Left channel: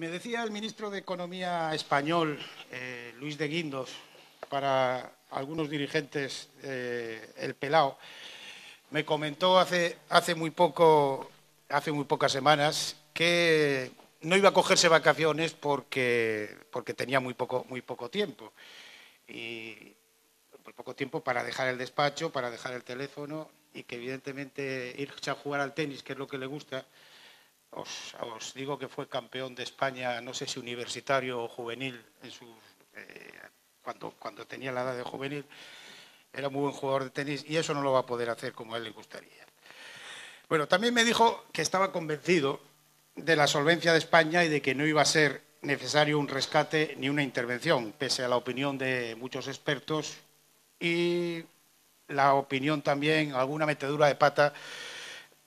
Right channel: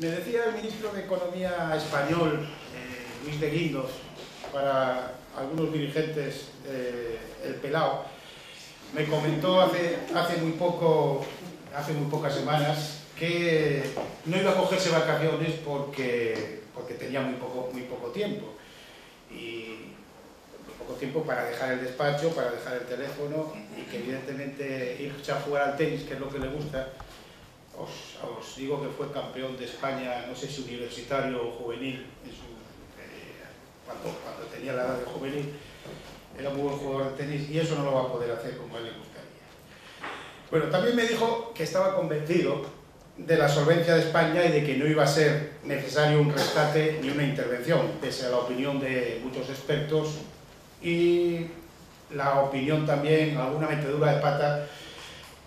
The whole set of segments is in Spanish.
Me decía el ministro de Economía español, Luis de Guindos, para algunos dirigentes, el pelao, me comentó hace muy pocas semanas que no iba a cogerse vacaciones porque tenía muy poco tiempo. Y muy poco tiempo para dejar el despacho, para dejar el teléfono, y que evidentemente irse a jugar al tenis, que es lo que le gusta. Os digo que fue campeón de España, no sé si universitario o juvenil, cuando tenía la edad de juvenil. Era muy buen jugador de tenis y eso no lo va a poder hacer como a él le gustaría. Bueno, también me dijo que estaba convencido de la solvencia de España y de que no iba a ser necesario un rescate ni una intervención, pese a la opinión de muchos expertos y la opinión también, alguna metedura de pata,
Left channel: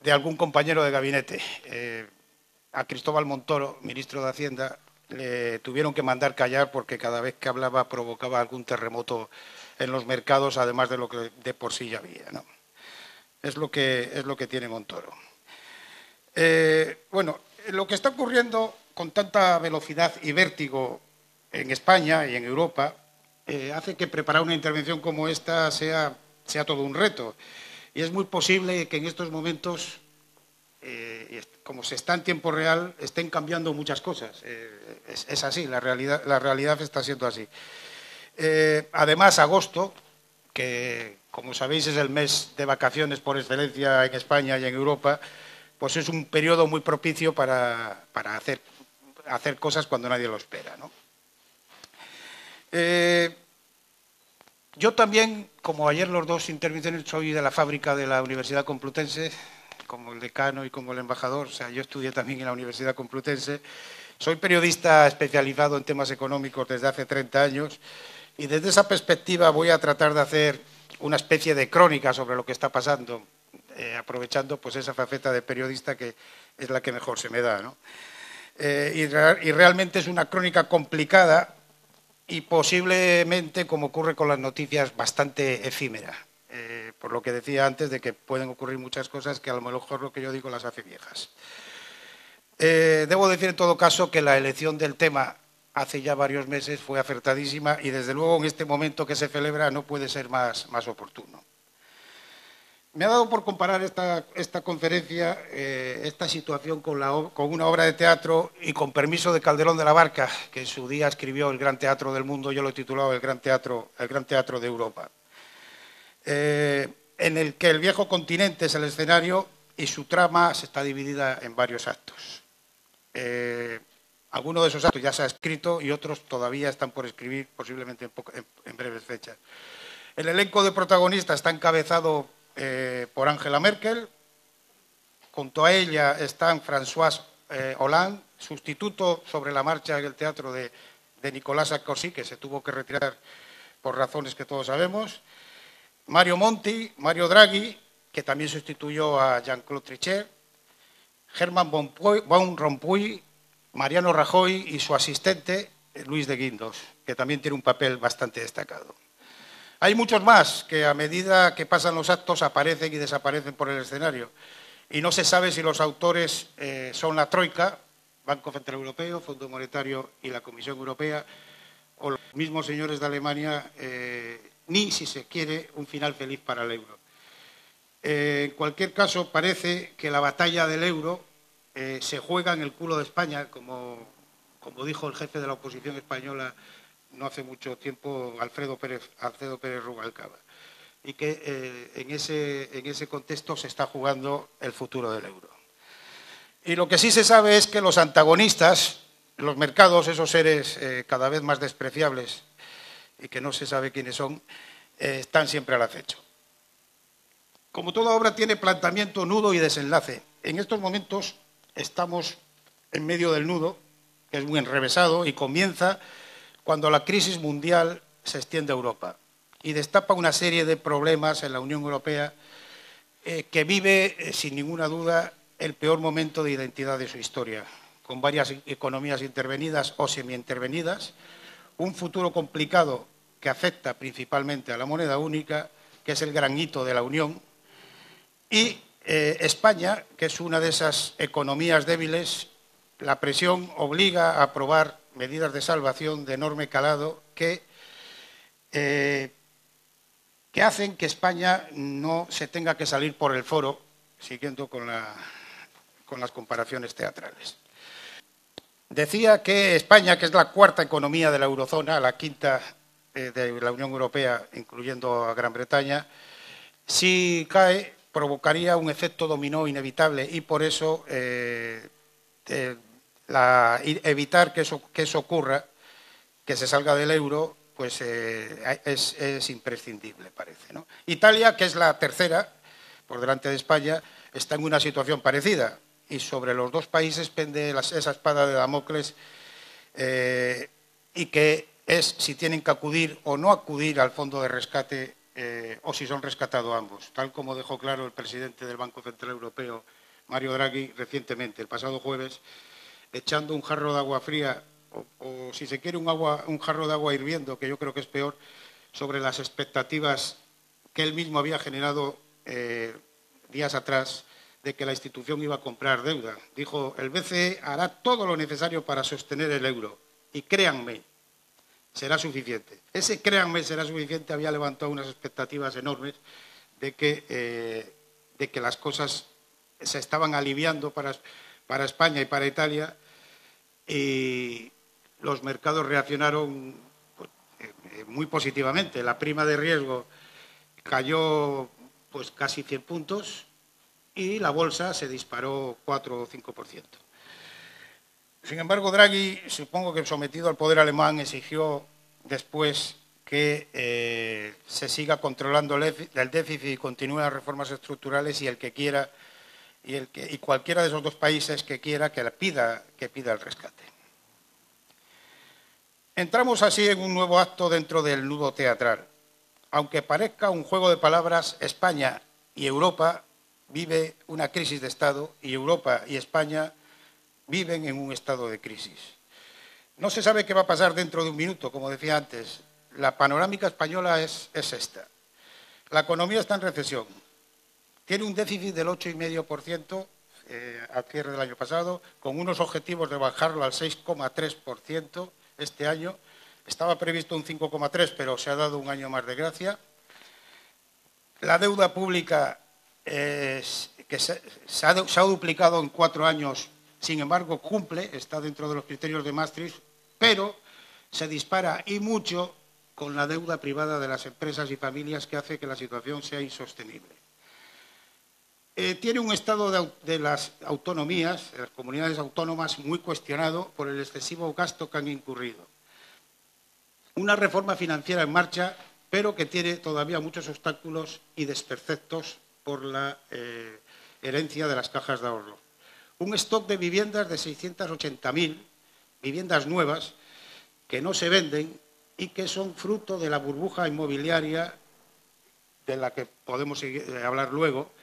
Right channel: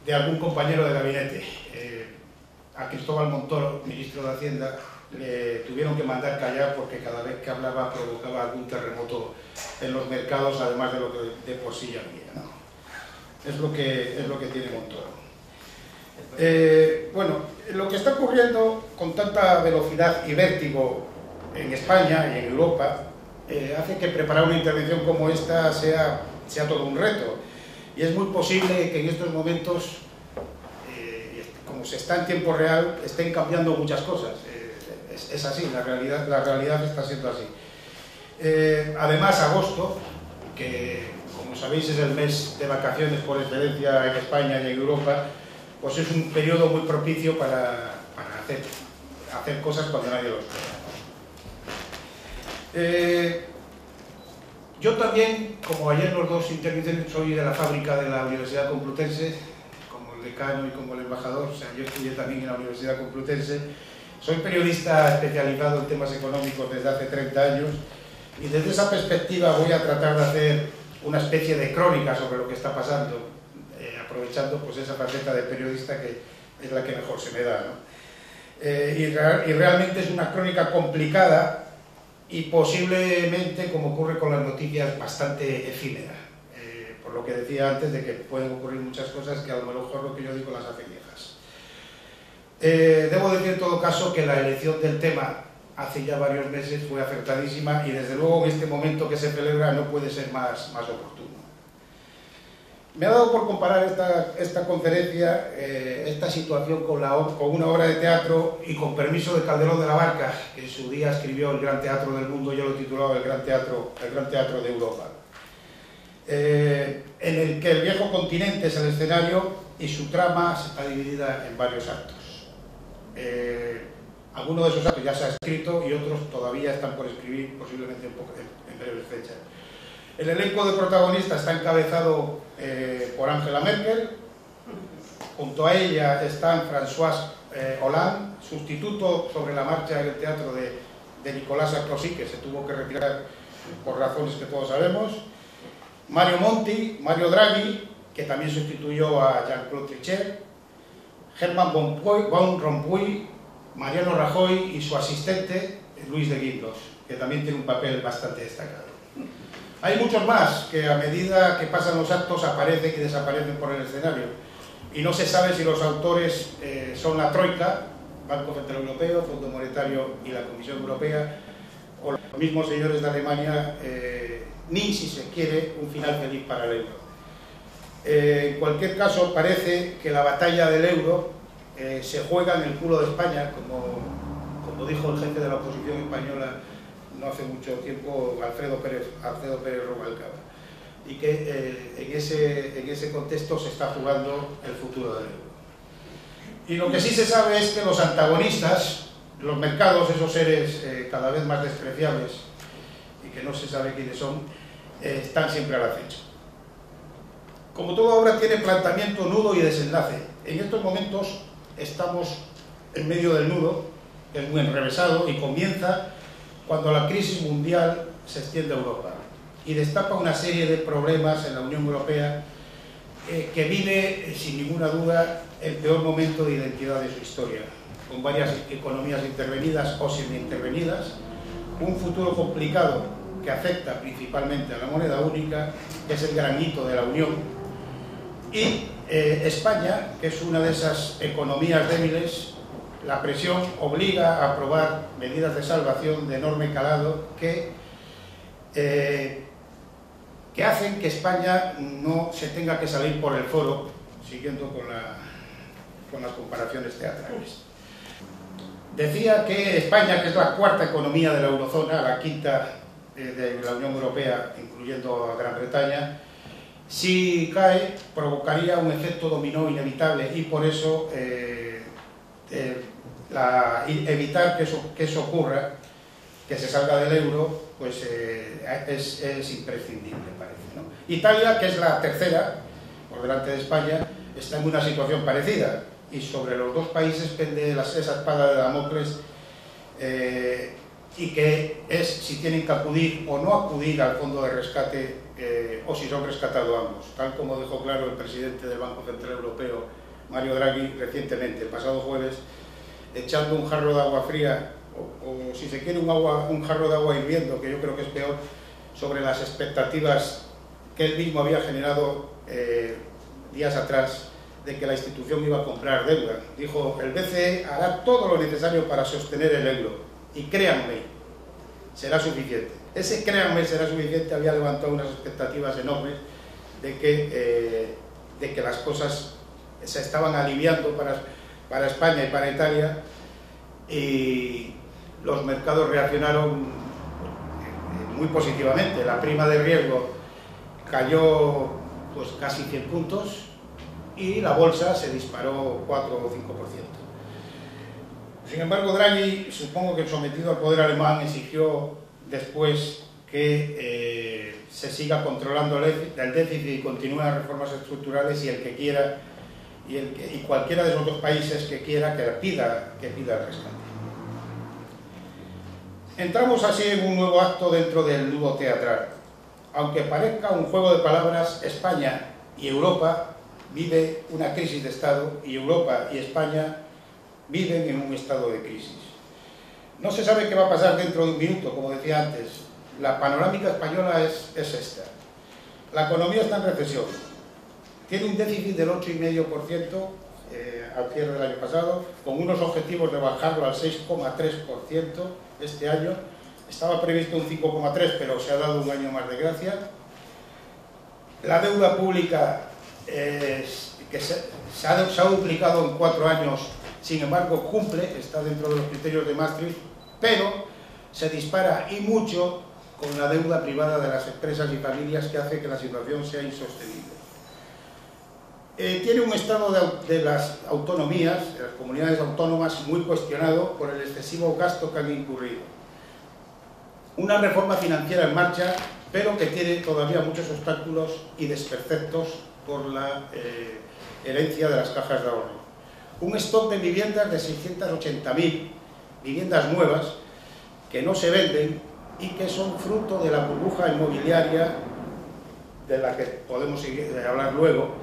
de algún compañero de gabinete. A Cristóbal Montoro, ministro de Hacienda, le tuvieron que mandar callar porque cada vez que hablaba provocaba algún terremoto en los mercados, además de lo que de por sí ya había, ¿no? Es lo que tiene Montoro. Bueno, lo que está ocurriendo con tanta velocidad y vértigo en España y en Europa hace que preparar una intervención como esta sea todo un reto. Y es muy posible que en estos momentos, como se está en tiempo real, estén cambiando muchas cosas. Es así, la realidad está siendo así. Además, agosto, que como sabéis es el mes de vacaciones por excelencia en España y en Europa, pues es un periodo muy propicio para hacer cosas cuando nadie lo espera, ¿no? Yo también, como ayer los dos intervinieron, soy de la fábrica de la Universidad Complutense, como el decano y como el embajador. O sea, yo estudié también en la Universidad Complutense. Soy periodista especializado en temas económicos desde hace 30 años y desde esa perspectiva voy a tratar de hacer una especie de crónica sobre lo que está pasando, aprovechando pues esa faceta de periodista que es la que mejor se me da, ¿no? Y realmente es una crónica complicada y posiblemente, como ocurre con las noticias, bastante efímera, por lo que decía antes de que pueden ocurrir muchas cosas que a lo mejor lo que yo digo las hace viejas. Debo decir en todo caso que la elección del tema hace ya varios meses fue acertadísima y desde luego en este momento que se celebra no puede ser más oportuno. Me ha dado por comparar esta conferencia, esta situación con una obra de teatro y con permiso de Calderón de la Barca, que en su día escribió El Gran Teatro del Mundo. Yo lo he titulado El Gran Teatro de Europa, en el que el viejo continente es el escenario y su trama está dividida en varios actos. Algunos de esos actos ya se ha escrito y otros todavía están por escribir, posiblemente en breves fechas. El elenco de protagonistas está encabezado por Angela Merkel. Junto a ella están François Hollande, sustituto sobre la marcha en el teatro de Nicolas Sarkozy, que se tuvo que retirar por razones que todos sabemos. Mario Monti, Mario Draghi, que también sustituyó a Jean-Claude Trichet. Herman Van Rompuy, Mariano Rajoy y su asistente Luis de Guindos, que también tiene un papel bastante destacado. Hay muchos más que a medida que pasan los actos aparecen y desaparecen por el escenario y no se sabe si los autores son la Troika, Banco Central Europeo, Fondo Monetario y la Comisión Europea, o los mismos señores de Alemania, ni, si se quiere, un final feliz para el euro. En cualquier caso, parece que la batalla del euro se juega en el culo de España, como dijo el jefe de la oposición española no hace mucho tiempo, Alfredo Pérez Rubalcaba, y que en ese contexto se está jugando el futuro del euro. Y lo que sí se sabe es que los antagonistas, los mercados, esos seres cada vez más despreciables y que no se sabe quiénes son, están siempre al acecho. Como toda obra tiene planteamiento, nudo y desenlace. En estos momentos estamos en medio del nudo, que es muy enrevesado y comienza cuando la crisis mundial se extiende a Europa y destapa una serie de problemas en la Unión Europea que vive, sin ninguna duda, el peor momento de identidad de su historia, con varias economías intervenidas o semi-intervenidas, un futuro complicado que afecta principalmente a la moneda única, que es el gran hito de la Unión, y España, que es una de esas economías débiles la presión obliga a aprobar medidas de salvación de enorme calado que hacen que España no se tenga que salir por el foro, siguiendo con las comparaciones teatrales. Decía que España, que es la cuarta economía de la eurozona, la quinta de la Unión Europea, incluyendo a Gran Bretaña, si cae provocaría un efecto dominó inevitable y por eso evitar que eso ocurra, que se salga del euro, pues es imprescindible, parece, ¿no? Italia, que es la tercera, por delante de España, está en una situación parecida y sobre los dos países pende esa espada de Damocles y que es si tienen que acudir o no acudir al fondo de rescate o si son rescatados ambos, tal como dejó claro el presidente del Banco Central Europeo, Mario Draghi, recientemente, el pasado jueves, echando un jarro de agua fría o si se quiere un jarro de agua hirviendo, que yo creo que es peor, sobre las expectativas que él mismo había generado días atrás de que la institución iba a comprar deuda. Dijo, el BCE hará todo lo necesario para sostener el euro y créanme, será suficiente. Ese créanme será suficiente había levantado unas expectativas enormes de que las cosas se estaban aliviando para España y para Italia, y los mercados reaccionaron muy positivamente. La prima de riesgo cayó pues casi 100 puntos y la bolsa se disparó 4 o 5%. Sin embargo, Draghi, supongo que sometido al poder alemán, exigió después que se siga controlando el déficit y continúen las reformas estructurales y el que quiera y cualquiera de los dos países que quiera que pida el rescate. Entramos así en un nuevo acto dentro del nudo teatral. Aunque parezca un juego de palabras, España y Europa vive una crisis de Estado y Europa y España viven en un estado de crisis. No se sabe qué va a pasar dentro de un minuto, como decía antes. La panorámica española es esta. La economía está en recesión. Tiene un déficit del 8,5% al cierre del año pasado, con unos objetivos de bajarlo al 6,3% este año. Estaba previsto un 5,3%, pero se ha dado un año más de gracia. La deuda pública se ha duplicado en 4 años, sin embargo cumple, está dentro de los criterios de Maastricht, pero se dispara y mucho con la deuda privada de las empresas y familias, que hace que la situación sea insostenible. Tiene un estado de las autonomías, de las comunidades autónomas, muy cuestionado por el excesivo gasto que han incurrido. Una reforma financiera en marcha, pero que tiene todavía muchos obstáculos y desperfectos por la herencia de las cajas de ahorro. Un stock de viviendas de 680.000 viviendas nuevas que no se venden y que son fruto de la burbuja inmobiliaria de la que podemos hablar luego,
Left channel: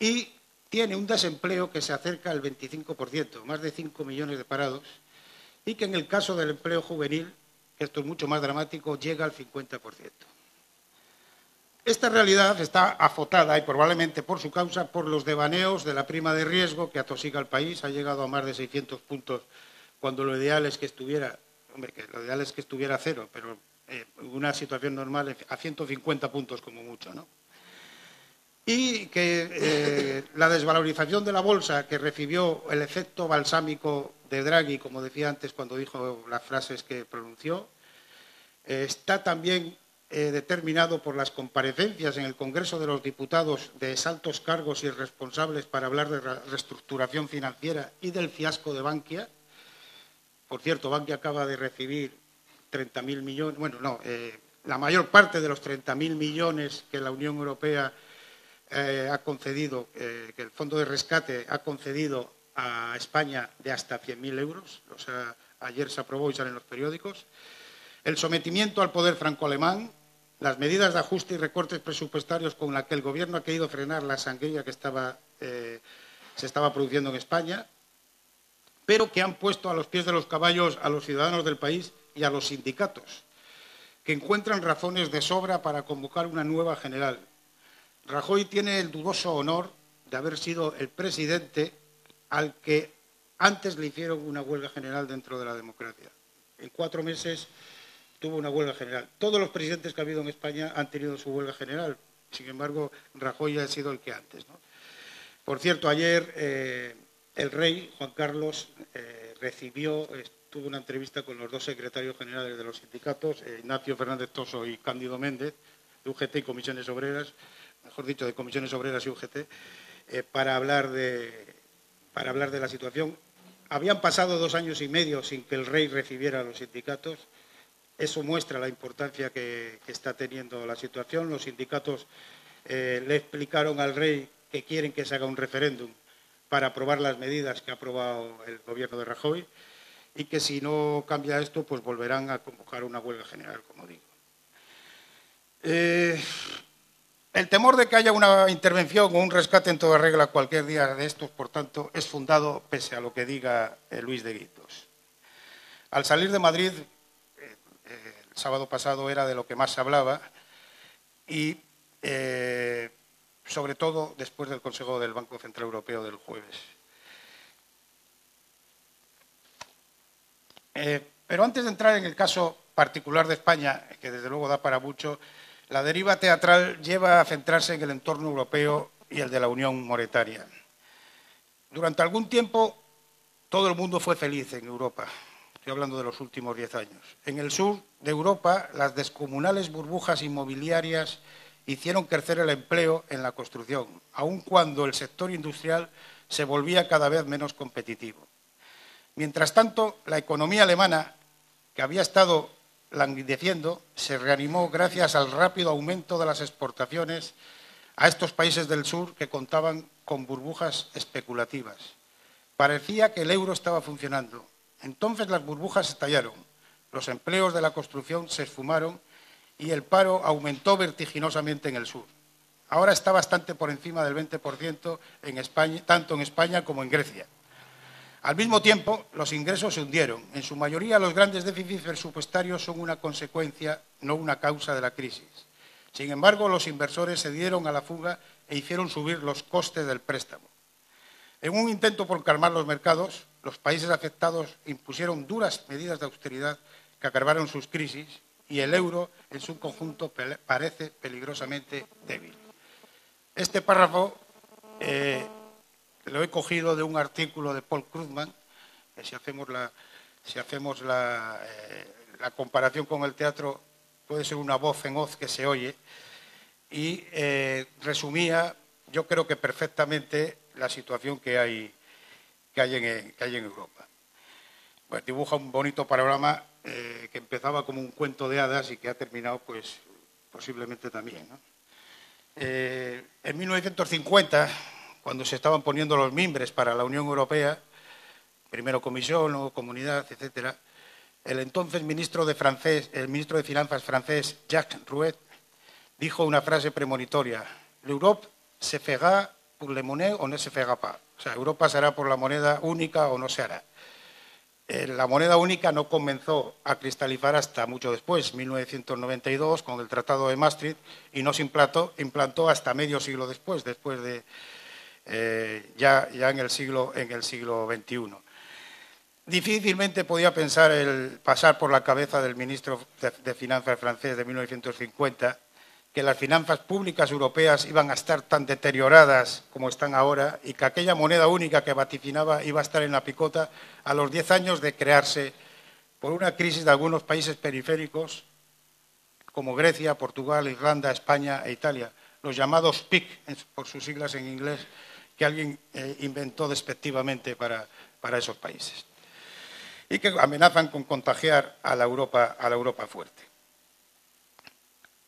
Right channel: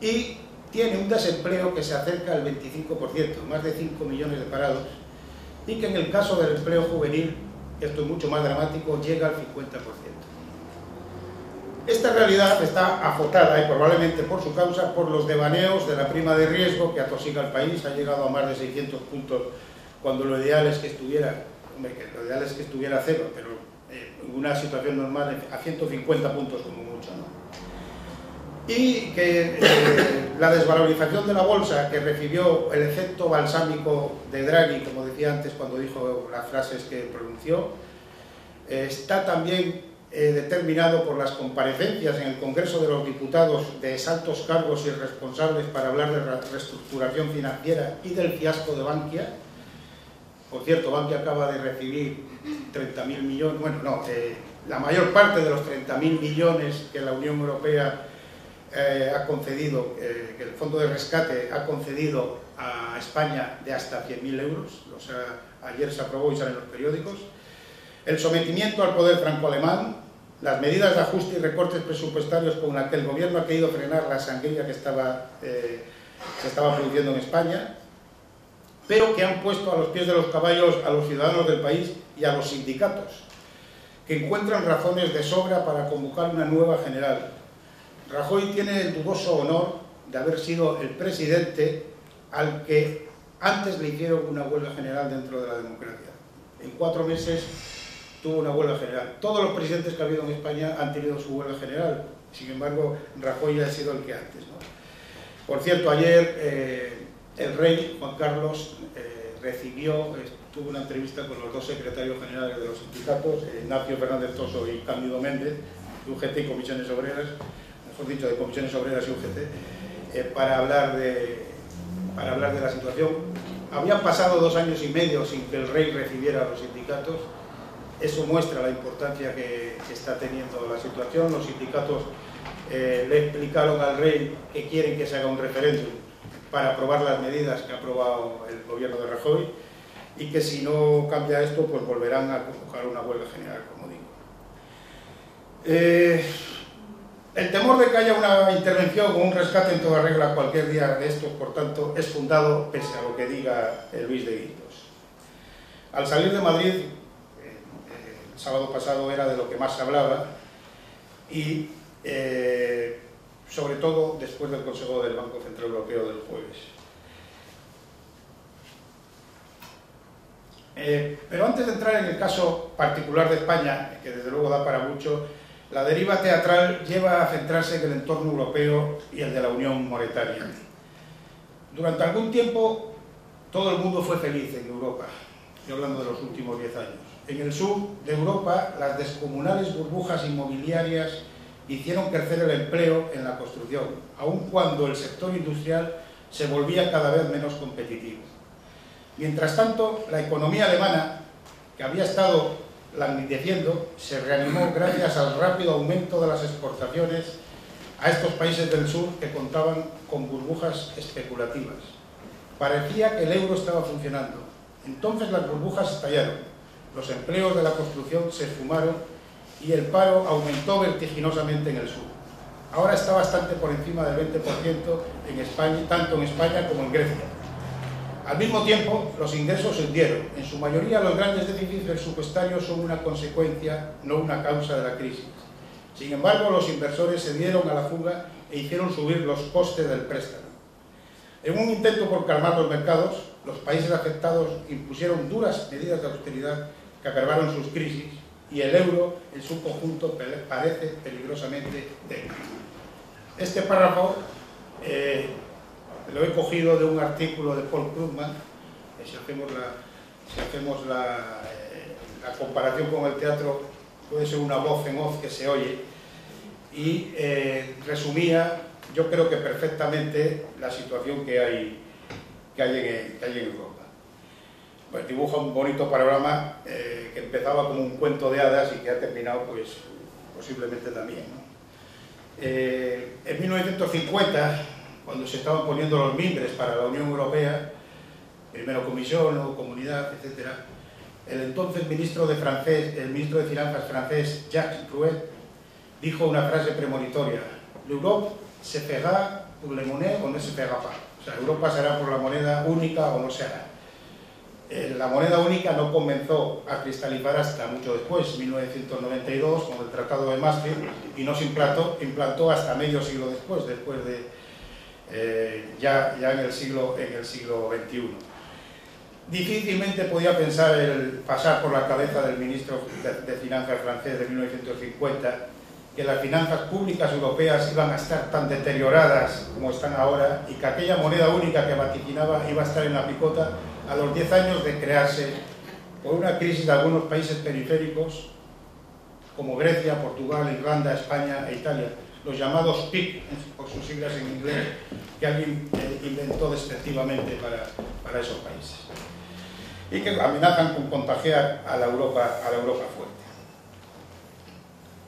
y tiene un desempleo que se acerca al 25%, más de 5 millones de parados, y que en el caso del empleo juvenil, esto es mucho más dramático, llega al 50%. Esta realidad está azotada, y probablemente por su causa, por los devaneos de la prima de riesgo que atosiga al país. Ha llegado a más de 600 puntos, cuando lo ideal es que estuviera, cero, pero en una situación normal a 150 puntos como mucho, ¿no? Y que la desvalorización de la bolsa, que recibió el efecto balsámico de Draghi, como decía antes cuando dijo las frases que pronunció, está también determinado por las comparecencias en el Congreso de los Diputados de altos cargos y responsables para hablar de la reestructuración financiera y del fiasco de Bankia. Por cierto, Bankia acaba de recibir 30.000 millones, la mayor parte de los 30.000 millones que la Unión Europea ha concedido, que el Fondo de Rescate ha concedido a España, de hasta 100.000 euros, ayer se aprobó y sale en los periódicos. El sometimiento al poder franco-alemán, las medidas de ajuste y recortes presupuestarios con las que el gobierno ha querido frenar la sangría que se estaba produciendo en España, pero que han puesto a los pies de los caballos a los ciudadanos del país y a los sindicatos, que encuentran razones de sobra para convocar una nueva general. Rajoy tiene el dudoso honor de haber sido el presidente al que antes le hicieron una huelga general dentro de la democracia. En 4 meses tuvo una huelga general. Todos los presidentes que ha habido en España han tenido su huelga general. Sin embargo, Rajoy ha sido el que antes, ¿no? Por cierto, ayer el rey Juan Carlos tuvo una entrevista con los 2 secretarios generales de los sindicatos, Ignacio Fernández Toso y Cándido Méndez, de UGT y Comisiones Obreras, mejor dicho, de Comisiones Obreras y UGT, para hablar de la situación. Habían pasado 2 años y medio sin que el rey recibiera a los sindicatos. Eso muestra la importancia que está teniendo la situación. Los sindicatos le explicaron al rey que quieren que se haga un referéndum para aprobar las medidas que ha aprobado el gobierno de Rajoy, y que si no cambia esto, pues volverán a convocar una huelga general, como digo. El temor de que haya una intervención o un rescate en toda regla cualquier día de estos, por tanto, es fundado pese a lo que diga Luis de Guindos. Al salir de Madrid, el sábado pasado era de lo que más se hablaba, y sobre todo después del Consejo del Banco Central Europeo del jueves. Pero antes de entrar en el caso particular de España, que desde luego da para mucho, la deriva teatral lleva a centrarse en el entorno europeo y el de la Unión Monetaria. Durante algún tiempo todo el mundo fue feliz en Europa, estoy hablando de los últimos 10 años. En el sur de Europa, las descomunales burbujas inmobiliarias hicieron crecer el empleo en la construcción, aun cuando el sector industrial se volvía cada vez menos competitivo. Mientras tanto, la economía alemana, que había estado languideciendo, se reanimó gracias al rápido aumento de las exportaciones a estos países del sur que contaban con burbujas especulativas. Parecía que el euro estaba funcionando. Entonces las burbujas estallaron, los empleos de la construcción se esfumaron y el paro aumentó vertiginosamente en el sur. Ahora está bastante por encima del 20% en España, tanto en España como en Grecia. Al mismo tiempo, los ingresos se hundieron. En su mayoría, los grandes déficits presupuestarios son una consecuencia, no una causa de la crisis. Sin embargo, los inversores se dieron a la fuga e hicieron subir los costes del préstamo. En un intento por calmar los mercados, los países afectados impusieron duras medidas de austeridad que agravaron sus crisis, y el euro en su conjunto parece peligrosamente débil. Este párrafo lo he cogido de un artículo de Paul Krugman, que si hacemos la comparación con el teatro, puede ser una voz en off que se oye, y resumía, yo creo que perfectamente, la situación que hay en Europa. Pues dibuja un bonito panorama que empezaba como un cuento de hadas y que ha terminado, pues, posiblemente también, ¿no? En 1950, cuando se estaban poniendo los mimbres para la Unión Europea, primero Comisión, luego Comunidad, etc., el entonces ministro de Finanzas francés, Jacques Rouet, dijo una frase premonitoria: l'Europe se fera pour les monnaies o no se fera pas. O sea, Europa se hará por la moneda única o no se hará. La moneda única no comenzó a cristalizar hasta mucho después, 1992, con el Tratado de Maastricht, y no se implantó hasta medio siglo después de ya en el siglo XXI. Difícilmente podía pensar pasar por la cabeza del ministro de Finanzas francés de 1950 que las finanzas públicas europeas iban a estar tan deterioradas como están ahora, y que aquella moneda única que vaticinaba iba a estar en la picota a los 10 años de crearse por una crisis de algunos países periféricos como Grecia, Portugal, Irlanda, España e Italia, los llamados PIC, por sus siglas en inglés, que alguien inventó despectivamente para esos países, y que amenazan con contagiar a la Europa fuerte.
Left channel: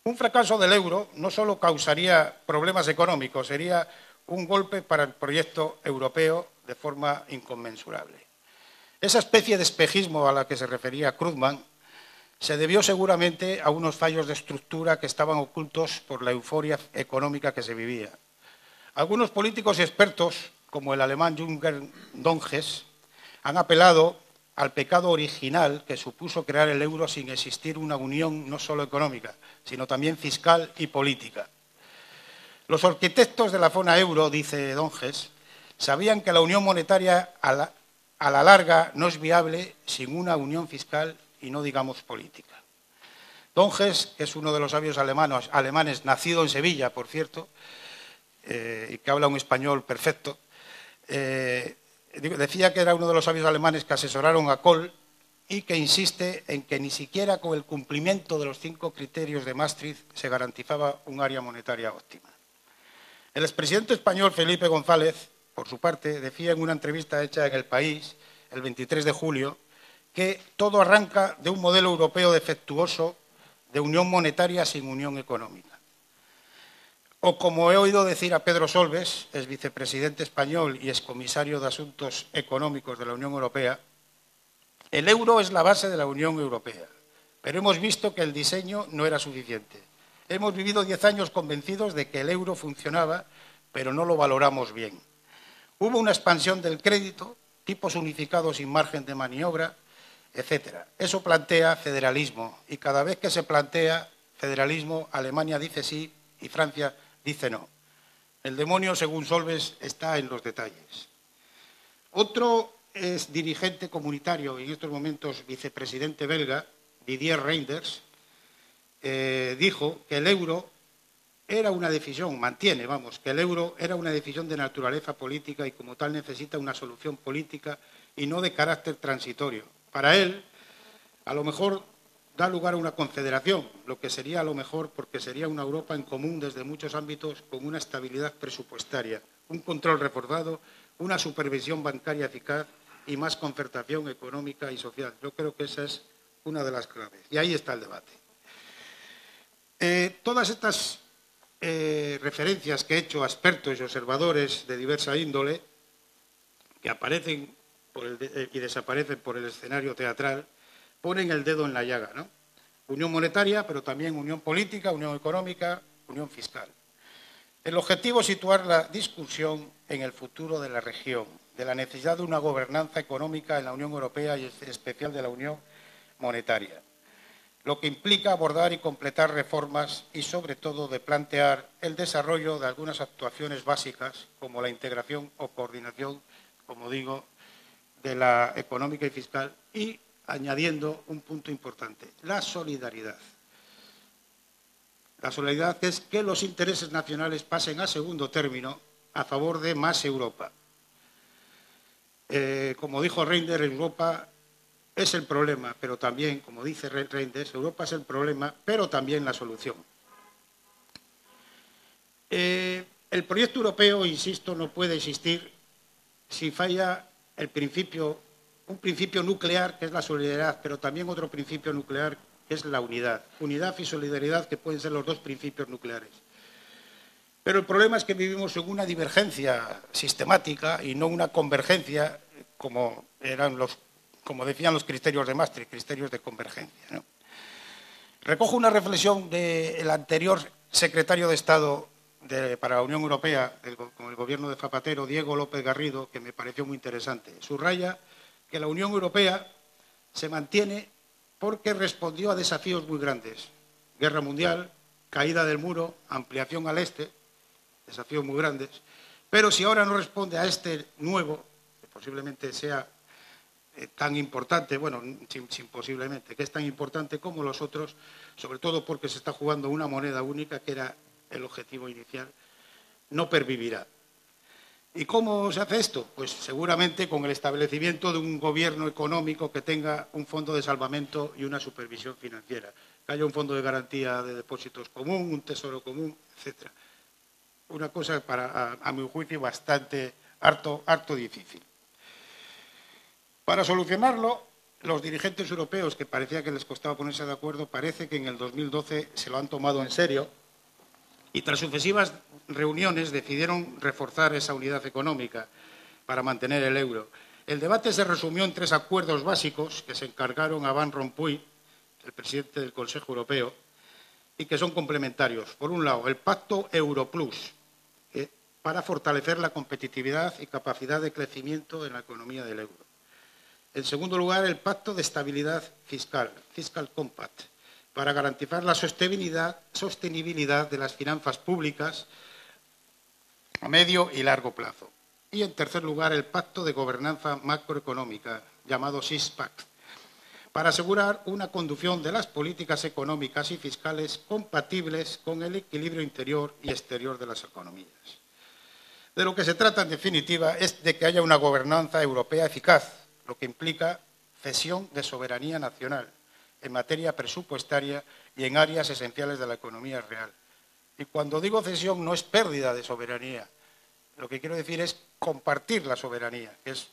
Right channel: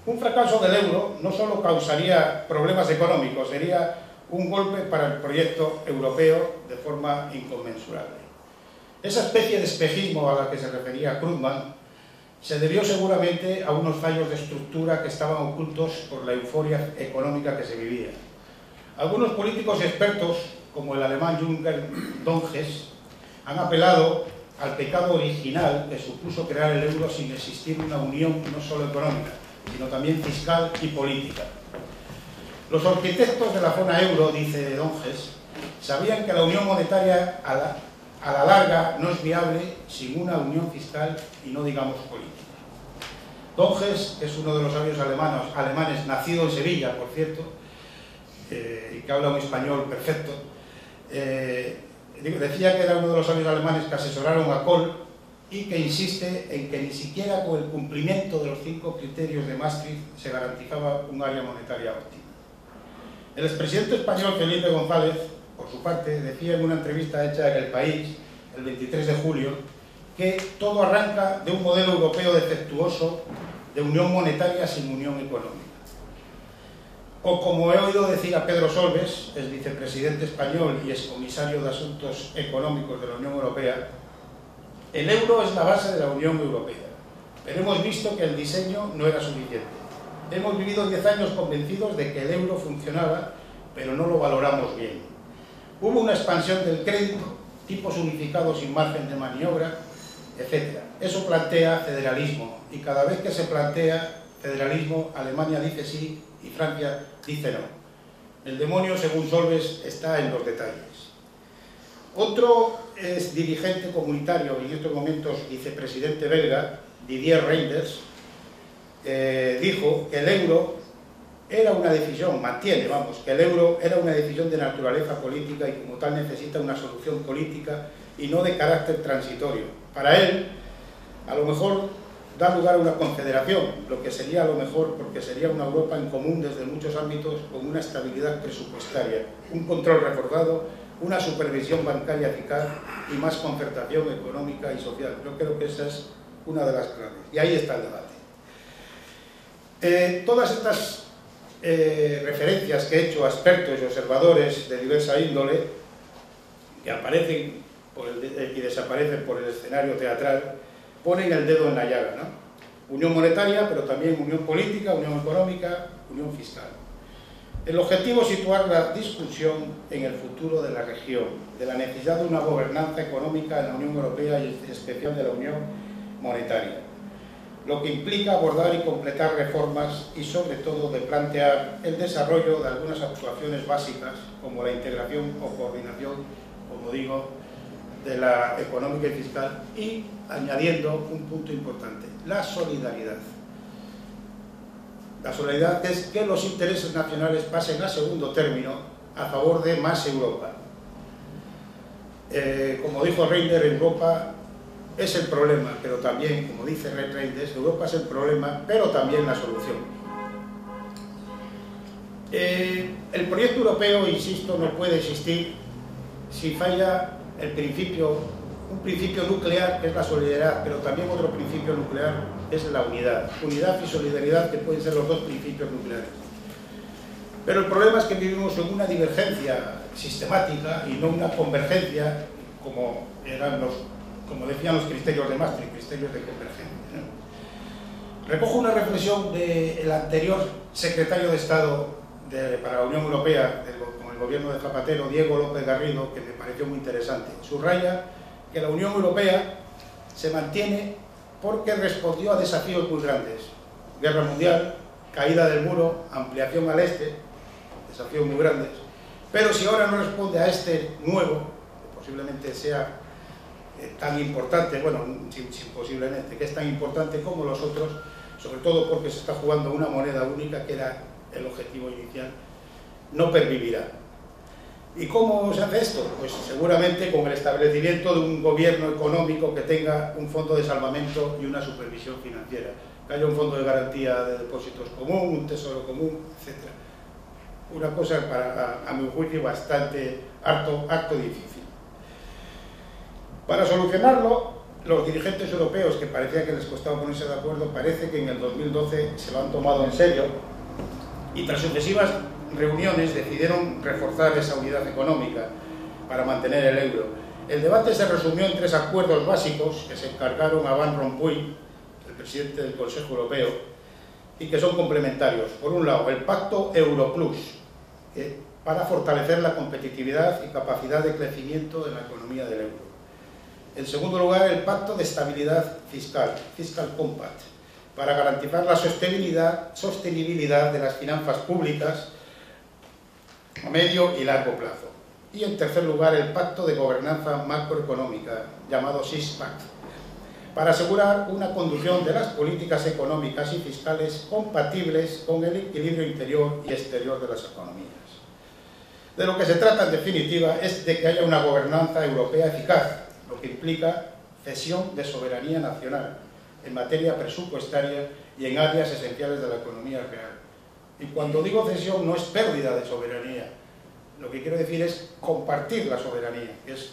Un fracaso del euro no solo causaría problemas económicos, sería un golpe para el proyecto europeo de forma inconmensurable. Esa especie de espejismo a la que se refería Krugman se debió seguramente a unos fallos de estructura que estaban ocultos por la euforia económica que se vivía. Algunos políticos expertos, como el alemán Jürgen Donges, han apelado al pecado original que supuso crear el euro sin existir una unión no solo económica, sino también fiscal y política. Los arquitectos de la zona euro, dice Donges, sabían que la unión monetaria a la larga no es viable sin una unión fiscal y no digamos política. Donges, que es uno de los sabios alemanes, nacido en Sevilla, por cierto, y que habla un español perfecto, decía que era uno de los sabios alemanes que asesoraron a Kohl y que insiste en que ni siquiera con el cumplimiento de los 5 criterios de Maastricht se garantizaba un área monetaria óptima. El expresidente español Felipe González, por su parte, decía en una entrevista hecha en El País, el 23 de julio, que todo arranca de un modelo europeo defectuoso de unión monetaria sin unión económica. O como he oído decir a Pedro Solbes, ex vicepresidente español y excomisario de Asuntos Económicos de la Unión Europea, el euro es la base de la Unión Europea, pero hemos visto que el diseño no era suficiente. Hemos vivido 10 años convencidos de que el euro funcionaba, pero no lo valoramos bien. Hubo una expansión del crédito, tipos unificados sin margen de maniobra, etc. Eso plantea federalismo, y cada vez que se plantea federalismo, Alemania dice sí y Francia dice no. El demonio, según Solbes, está en los detalles. Otro es dirigente comunitario y en estos momentos vicepresidente belga, Didier Reynders, dijo que el euro era una decisión, mantiene, vamos, que el euro era una decisión de naturaleza política y como tal necesita una solución política y no de carácter transitorio. Para él, a lo mejor da lugar a una confederación, lo que sería a lo mejor porque sería una Europa en común desde muchos ámbitos con una estabilidad presupuestaria, un control reforzado, una supervisión bancaria eficaz y más concertación económica y social. Yo creo que esa es una de las claves y ahí está el debate. Todas estas referencias que he hecho a expertos y observadores de diversa índole que aparecen y desaparecen por el escenario teatral ponen el dedo en la llaga, ¿no? Unión monetaria, pero también unión política, unión económica, unión fiscal. El objetivo es situar la discusión en el futuro de la región, de la necesidad de una gobernanza económica en la Unión Europea y en especial de la unión monetaria, lo que implica abordar y completar reformas y sobre todo de plantear el desarrollo de algunas actuaciones básicas como la integración o coordinación, como digo, de la económica y fiscal y añadiendo un punto importante, la solidaridad. La solidaridad es que los intereses nacionales pasen a segundo término a favor de más Europa. Como dijo Reiner, Europa es el problema, pero también, como dice Reinders, Europa es el problema, pero también la solución. El proyecto europeo, insisto, no puede existir si falla el principio, un principio nuclear que es la solidaridad, pero también otro principio nuclear es la unidad. Unidad y solidaridad que pueden ser los dos principios nucleares. Pero el problema es que vivimos en una divergencia sistemática y no una convergencia como decían los criterios de Maastricht, criterios de convergencia, ¿no? Recojo una reflexión del anterior secretario de Estado para la Unión Europea, con el gobierno de Zapatero, Diego López Garrido, que me pareció muy interesante. Subraya que la Unión Europea se mantiene porque respondió a desafíos muy grandes. Guerra mundial, caída del muro, ampliación al este, desafíos muy grandes. Pero si ahora no responde a este nuevo, que posiblemente sea tan importante, bueno, posiblemente, que es tan importante como los otros, sobre todo porque se está jugando una moneda única, que era el objetivo inicial, no pervivirá. ¿Y cómo se hace esto? Pues seguramente con el establecimiento de un gobierno económico que tenga un fondo de salvamento y una supervisión financiera, que haya un fondo de garantía de depósitos común, un tesoro común, etc. Una cosa, a mi juicio, bastante harto difícil. Para solucionarlo, los dirigentes europeos, que parecía que les costaba ponerse de acuerdo, parece que en el 2012 se lo han tomado en serio y tras sucesivas reuniones decidieron reforzar esa unidad económica para mantener el euro. El debate se resumió en 3 acuerdos básicos que se encargaron a Van Rompuy, el presidente del Consejo Europeo, y que son complementarios. Por un lado, el Pacto Europlus, para fortalecer la competitividad y capacidad de crecimiento de la economía del euro. En segundo lugar, el Pacto de Estabilidad Fiscal, Fiscal Compact, para garantizar la sostenibilidad de las finanzas públicas a medio y largo plazo. Y en tercer lugar, el Pacto de Gobernanza Macroeconómica, llamado SIX-PACT, para asegurar una conducción de las políticas económicas y fiscales compatibles con el equilibrio interior y exterior de las economías. De lo que se trata, en definitiva, es de que haya una gobernanza europea eficaz, lo que implica cesión de soberanía nacional en materia presupuestaria y en áreas esenciales de la economía real. Y cuando digo cesión no es pérdida de soberanía, lo que quiero decir es compartir la soberanía, que es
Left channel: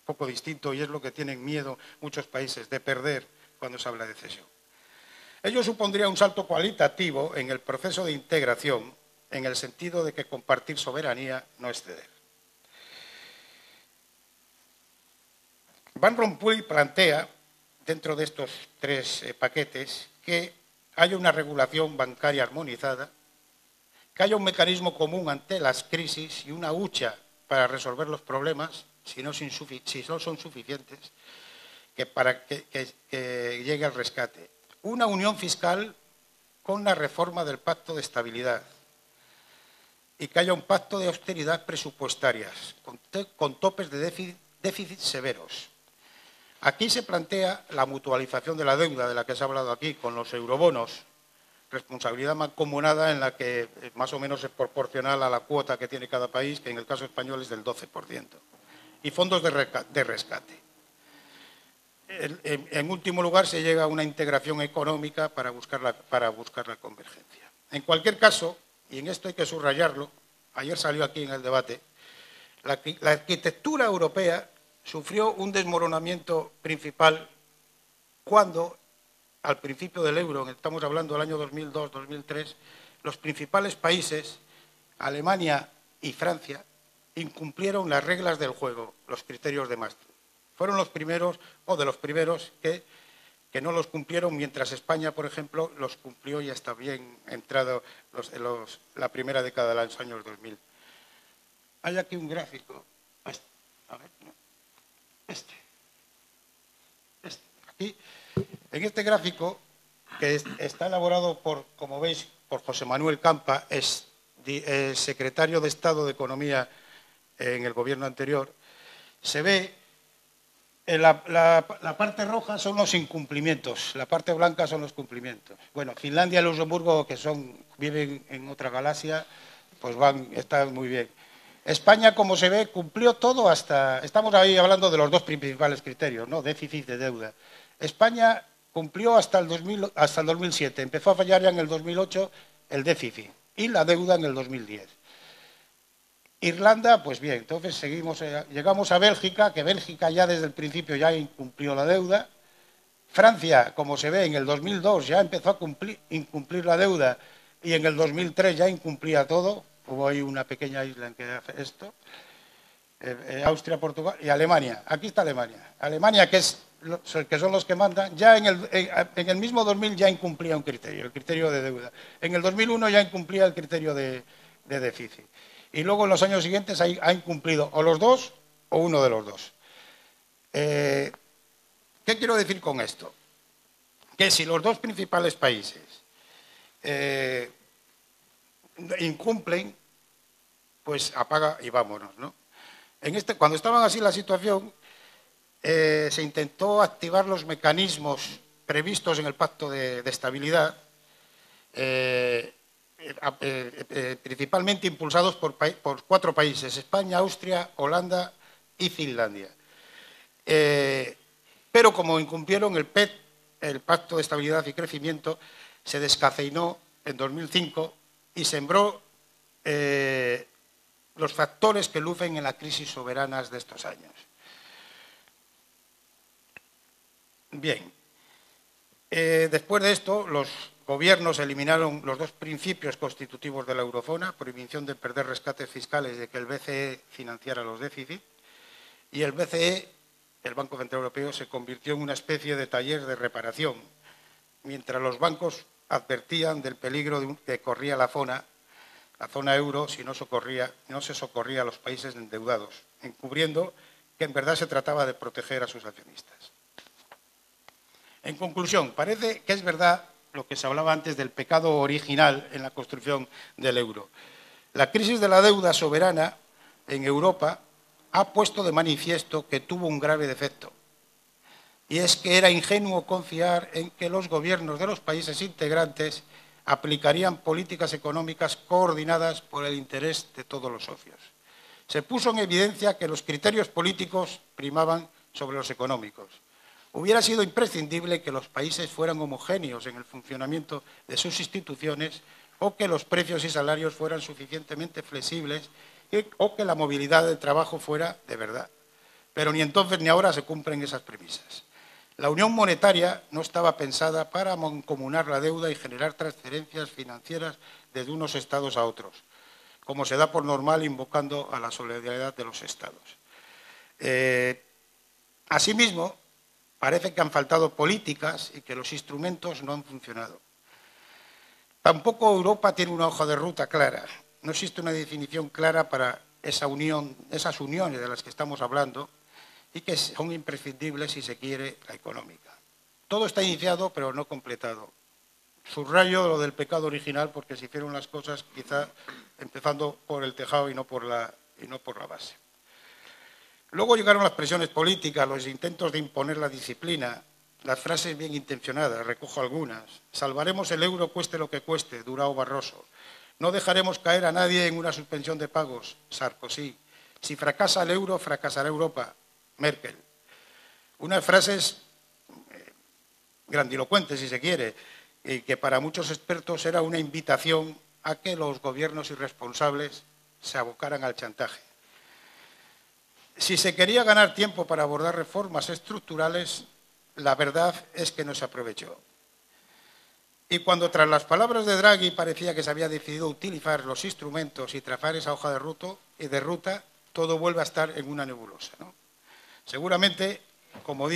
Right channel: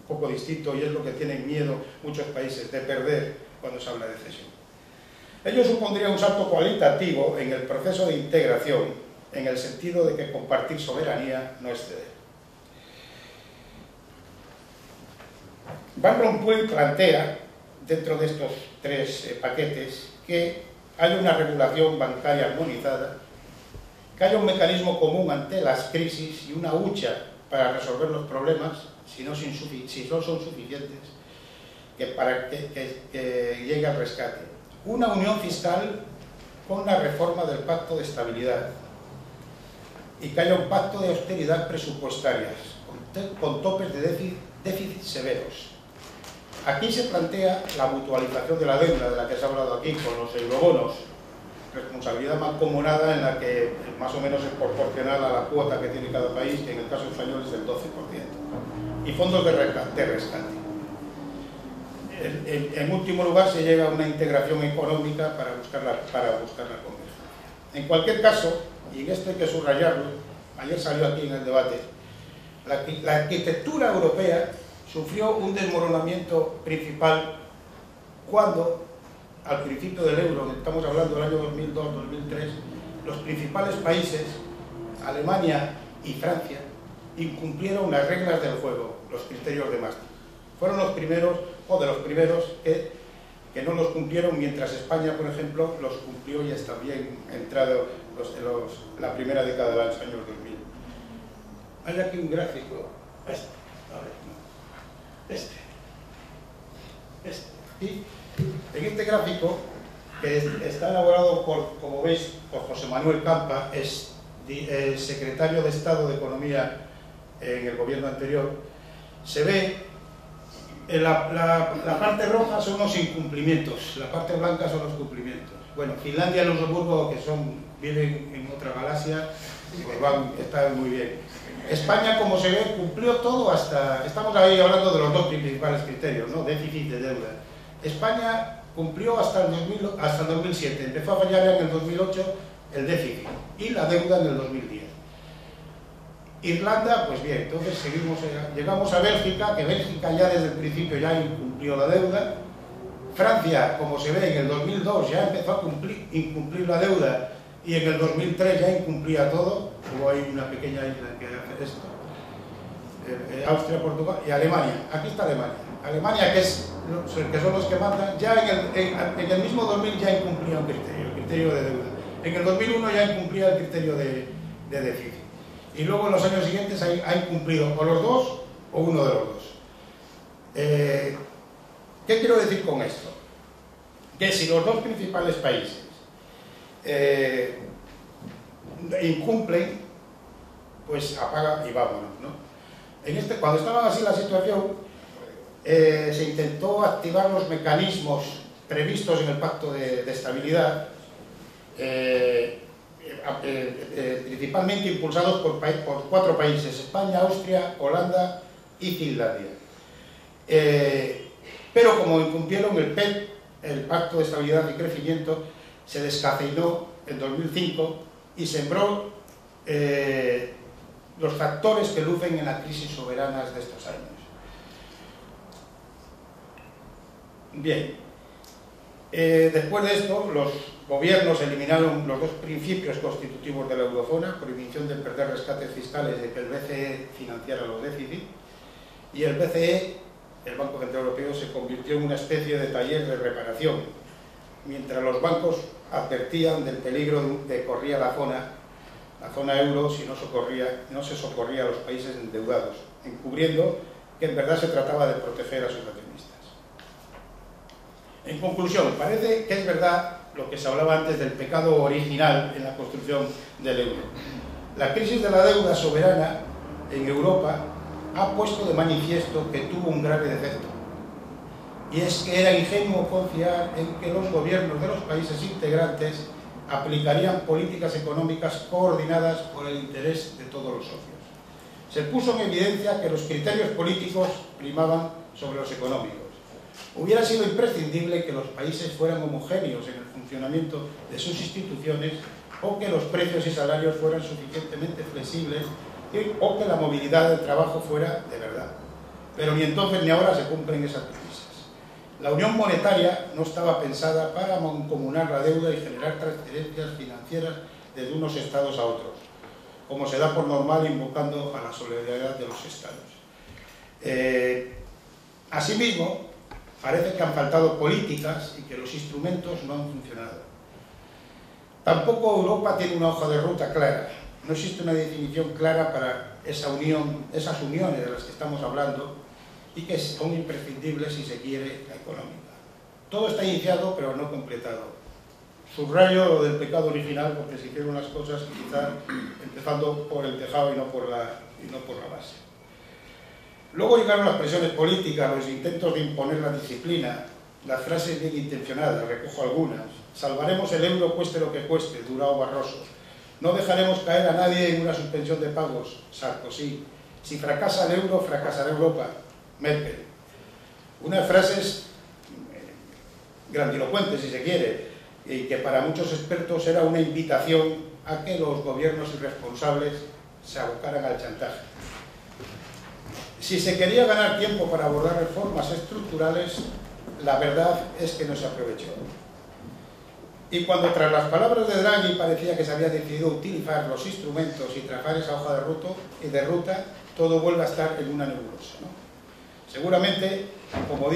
un poco distinto y es lo que tienen miedo muchos países de perder cuando se habla de cesión. Ello supondría un salto cualitativo en el proceso de integración, en el sentido de que compartir soberanía no es ceder. Van Rompuy plantea, dentro de estos tres paquetes, que haya una regulación bancaria armonizada, que haya un mecanismo común ante las crisis y una hucha para resolver los problemas, si no son suficientes, para que llegue al rescate. Una unión fiscal con la reforma del Pacto de Estabilidad y que haya un pacto de austeridad presupuestarias, con topes de déficit severos. Aquí se plantea la mutualización de la deuda, de la que se ha hablado aquí, con los eurobonos, responsabilidad mancomunada en la que más o menos es proporcional a la cuota que tiene cada país, que en el caso español es del 12%, y fondos de rescate. En último lugar, se llega a una integración económica para buscar la convergencia. En cualquier caso, y en esto hay que subrayarlo, ayer salió aquí en el debate, la arquitectura europea sufrió un desmoronamiento principal cuando, al principio del euro, estamos hablando del año 2002-2003, los principales países, Alemania y Francia, incumplieron las reglas del juego, los criterios de Maastricht. Fueron los primeros, o de los primeros, que no los cumplieron, mientras España, por ejemplo, los cumplió y está bien entrado la primera década de los años 2000. Hay aquí un gráfico, y en este gráfico, que está elaborado como veis, por José Manuel Campa, es secretario de Estado de Economía en el gobierno anterior, se ve la parte roja son los incumplimientos, la parte blanca son los cumplimientos. Bueno, Finlandia y Luxemburgo, que viven en otra galaxia, pues están muy bien. España, como se ve, cumplió todo hasta... Estamos ahí hablando de los dos principales criterios, ¿no? Déficit de deuda. España cumplió hasta el 2007, empezó a fallar ya en el 2008 el déficit y la deuda en el 2010. Irlanda, pues bien, entonces llegamos a Bélgica, que Bélgica ya desde el principio ya incumplió la deuda. Francia, como se ve, en el 2002 ya empezó a incumplir la deuda y en el 2003 ya incumplía todo, como hay una pequeña isla que hace esto. Austria, Portugal y Alemania. Aquí está Alemania. Alemania, que son los que mandan, ya en el mismo 2000 ya incumplía un criterio, el criterio de deuda. En el 2001 ya incumplía el criterio de déficit. Y luego en los años siguientes ha incumplido o los dos o uno de los dos. ¿Qué quiero decir con esto? Que si los dos principales países incumplen, pues apaga y vámonos, ¿no? Cuando estaba así la situación, se intentó activar los mecanismos previstos en el Pacto de Estabilidad, principalmente impulsados por 4 países: España, Austria, Holanda y Finlandia. Pero como incumplieron el PEC, el Pacto de Estabilidad y Crecimiento, se descafeinó en 2005 y sembró los factores que lucen en las crisis soberanas de estos años. Bien, después de esto, los gobiernos eliminaron los dos principios constitutivos de la eurozona: prohibición de perder rescates fiscales y de que el BCE financiara los déficits, y el BCE, el Banco Central Europeo, se convirtió en una especie de taller de reparación, mientras los bancos advertían del peligro que corría la zona euro si no se socorría a los países endeudados, encubriendo que en verdad se trataba de proteger a sus accionistas. En conclusión, parece que es verdad lo que se hablaba antes del pecado original en la construcción del euro. La crisis de la deuda soberana en Europa ha puesto de manifiesto que tuvo un grave defecto, y es que era ingenuo confiar en que los gobiernos de los países integrantes aplicarían políticas económicas coordinadas por el interés de todos los socios. Se puso en evidencia que los criterios políticos primaban sobre los económicos. Hubiera sido imprescindible que los países fueran homogéneos en el funcionamiento de sus instituciones, o que los precios y salarios fueran suficientemente flexibles, o que la movilidad del trabajo fuera de verdad. Pero ni entonces ni ahora se cumplen esas premisas. La unión monetaria no estaba pensada para mancomunar la deuda y generar transferencias financieras desde unos estados a otros, como se da por normal invocando a la solidaridad de los estados. Asimismo, parece que han faltado políticas y que los instrumentos no han funcionado. Tampoco Europa tiene una hoja de ruta clara. No existe una definición clara para esa unión, esas uniones de las que estamos hablando, y que son imprescindibles si se quiere la económica. Todo está iniciado pero no completado. Subrayo lo del pecado original, porque se hicieron las cosas quizá empezando por el tejado y no por la base. Luego llegaron las presiones políticas, los intentos de imponer la disciplina, las frases bien intencionadas, recojo algunas: salvaremos el euro cueste lo que cueste, Durão Barroso; no dejaremos caer a nadie en una suspensión de pagos, Sarkozy; si fracasa el euro, fracasará Europa, Merkel. Unas frases grandilocuentes, si se quiere, y que para muchos expertos era una invitación a que los gobiernos irresponsables se abocaran al chantaje. Si se quería ganar tiempo para abordar reformas estructurales, la verdad es que no se aprovechó. Y cuando tras las palabras de Draghi parecía que se había decidido utilizar los instrumentos y trazar esa hoja de ruta, todo vuelve a estar en una nebulosa, ¿no? Seguramente, como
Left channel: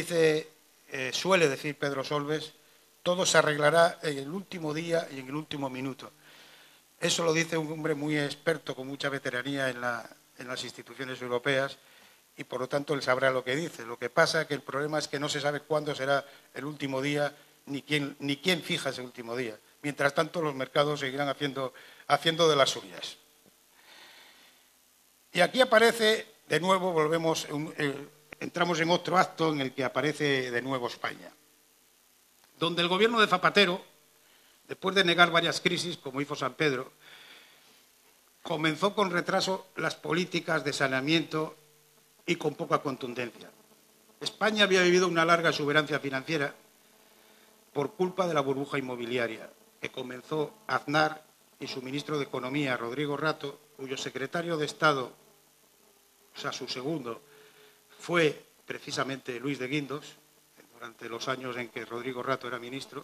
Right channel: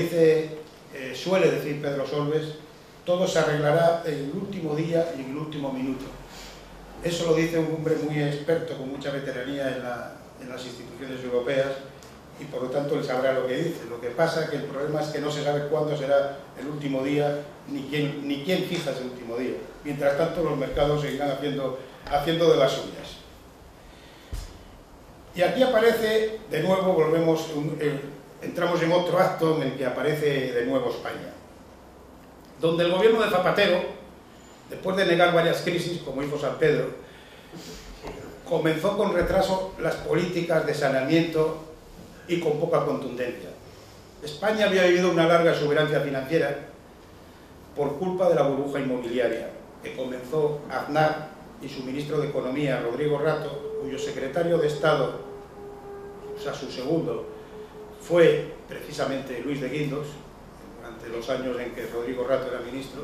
suele decir Pedro Solbes, todo se arreglará en el último día y en el último minuto. Eso lo dice un hombre muy experto, con mucha veteranía en las instituciones europeas, y por lo tanto él sabrá lo que dice. Lo que pasa es que el problema es que no se sabe cuándo será el último día, ni quién fija ese último día. Mientras tanto, los mercados seguirán haciendo de las suyas. Y aquí aparece, de nuevo, entramos en otro acto en el que aparece de nuevo España, donde el gobierno de Zapatero, después de negar varias crisis, como hizo San Pedro, comenzó con retraso las políticas de saneamiento y con poca contundencia. España había vivido una larga exuberancia financiera por culpa de la burbuja inmobiliaria, que comenzó Aznar y su ministro de Economía, Rodrigo Rato, cuyo secretario de Estado, o sea, su segundo, fue precisamente Luis de Guindos, durante los años en que Rodrigo Rato era ministro,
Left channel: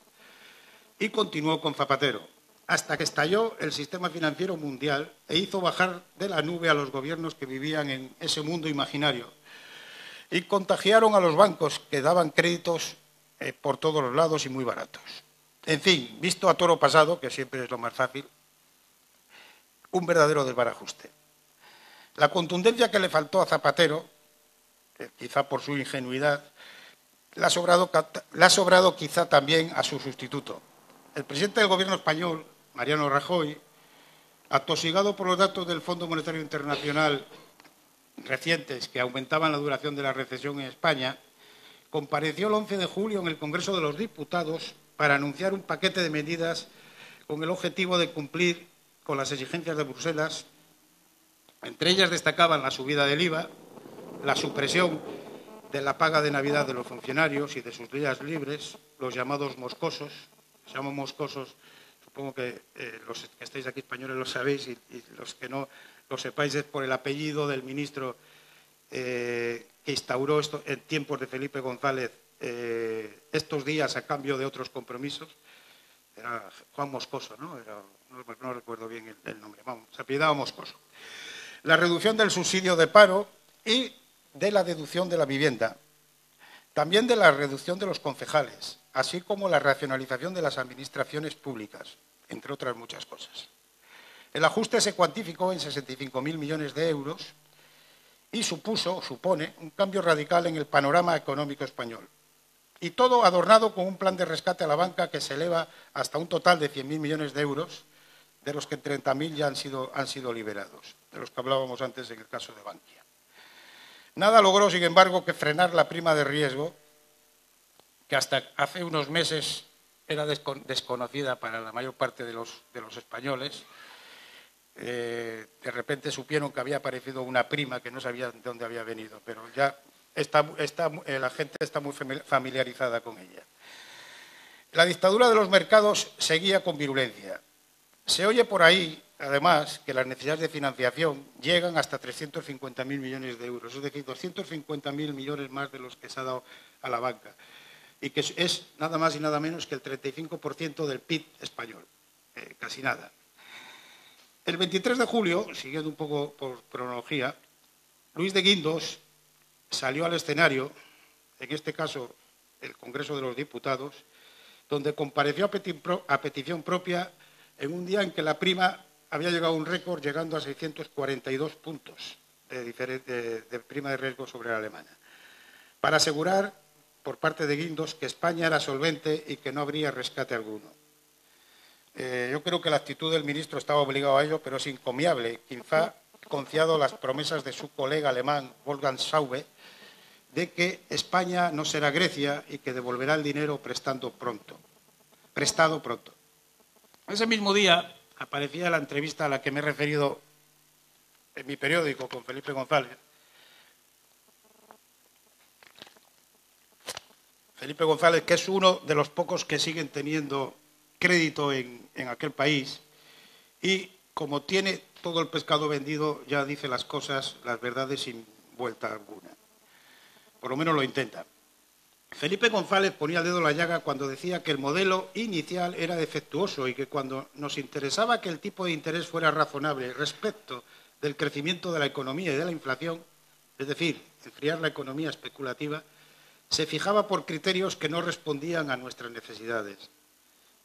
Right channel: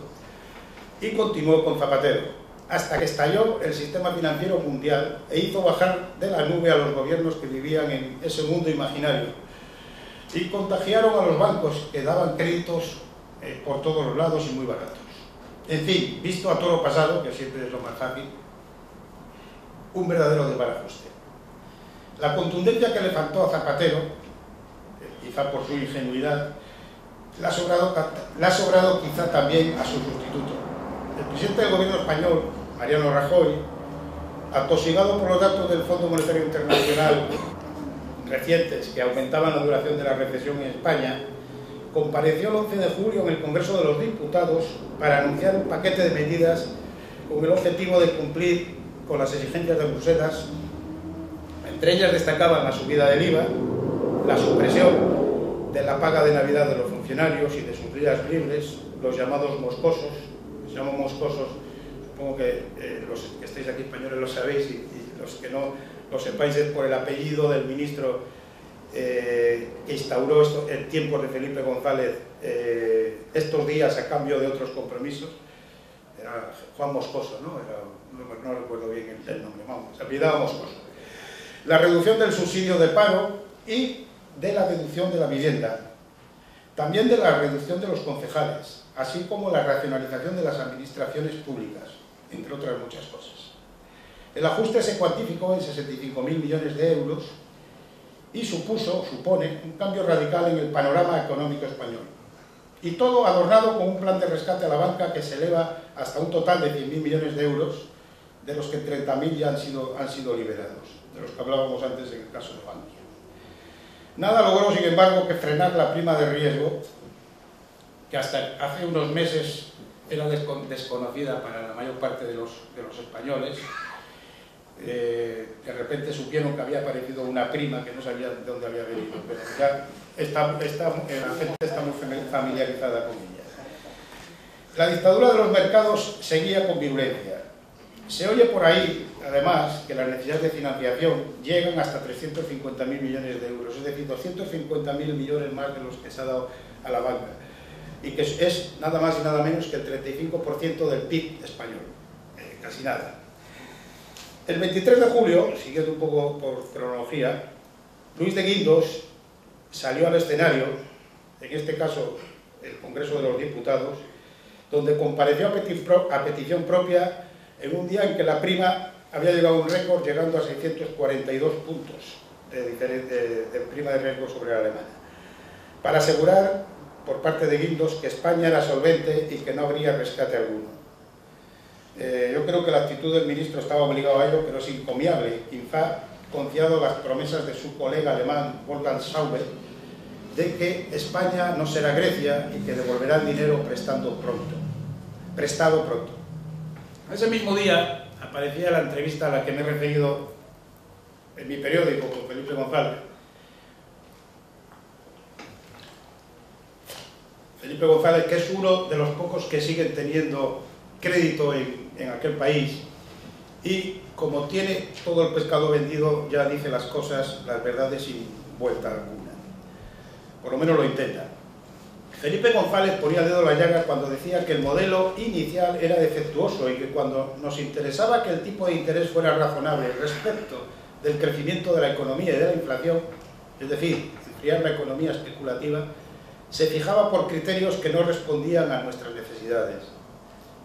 y continuó con Zapatero, hasta que estalló el sistema financiero mundial e hizo bajar de la nube a los gobiernos que vivían en ese mundo imaginario, y contagiaron a los bancos, que daban créditos por todos los lados y muy baratos. En fin, visto a toro pasado, que siempre es lo más fácil, un verdadero desbarajuste. La contundencia que le faltó a Zapatero, quizá por su ingenuidad, le ha sobrado quizá también a su sustituto. El presidente del gobierno español, Mariano Rajoy, atosigado por los datos del Fondo Monetario Internacional recientes que aumentaban la duración de la recesión en España, compareció el 11 de julio en el Congreso de los Diputados para anunciar un paquete de medidas con el objetivo de cumplir con las exigencias de Bruselas. Entre ellas destacaban la subida del IVA, la supresión de la paga de Navidad de los funcionarios y de sus días libres, los llamados moscosos. Se llaman moscosos, supongo que los que estáis aquí españoles lo sabéis, y los que no lo sepáis es por el apellido del ministro que instauró esto en tiempos de Felipe González, estos días a cambio de otros compromisos. Era Juan Moscoso, ¿no? No recuerdo bien el nombre, vamos, se apellidaba Moscoso. La reducción del subsidio de paro y de la deducción de la vivienda, también de la reducción de los concejales, así como la racionalización de las administraciones públicas, entre otras muchas cosas. El ajuste se cuantificó en 65.000 millones de euros y supone un cambio radical en el panorama económico español. Y todo adornado con un plan de rescate a la banca que se eleva hasta un total de 100.000 millones de euros, de los que 30.000 ya han sido liberados, de los que hablábamos antes en el caso de Bankia. Nada logró, sin embargo, que frenar la prima de riesgo, que hasta hace unos meses era desconocida para la mayor parte de los españoles. De repente supieron que había aparecido una prima que no sabía de dónde había venido, pero ya la gente está muy familiarizada con ella. La dictadura de los mercados seguía con virulencia. Se oye por ahí, además, que las necesidades de financiación llegan hasta 350.000 millones de euros, es decir, 250.000 millones más de los que se ha dado a la banca, y que es nada más y nada menos que el 35% del PIB español, casi nada. El 23 de julio, siguiendo un poco por cronología, Luis de Guindos salió al escenario, en este caso el Congreso de los Diputados, donde compareció a petición propia en un día en que la prima había llegado a un récord, llegando a 642 puntos de prima de riesgo sobre la alemana, para asegurar por parte de Guindos que España era solvente y que no habría rescate alguno. Yo creo que la actitud del ministro estaba obligado a ello, pero es encomiable, quizá confiado las promesas de su colega alemán Wolfgang Schäuble de que España no será Grecia y que devolverá el dinero prestado pronto. Ese mismo día aparecía la entrevista a la que me he referido en mi periódico con Felipe González. Felipe González, que es uno de los pocos que siguen teniendo crédito en aquel país, y como tiene todo el pescado vendido, ya dice las cosas, las verdades sin vuelta alguna. Por lo menos lo intenta. Felipe González ponía el dedo en la llaga cuando decía que el modelo inicial era defectuoso y que cuando nos interesaba que el tipo de interés fuera razonable respecto del crecimiento de la economía y de la inflación, es decir, enfriar la economía especulativa, se fijaba por criterios que no respondían a nuestras necesidades.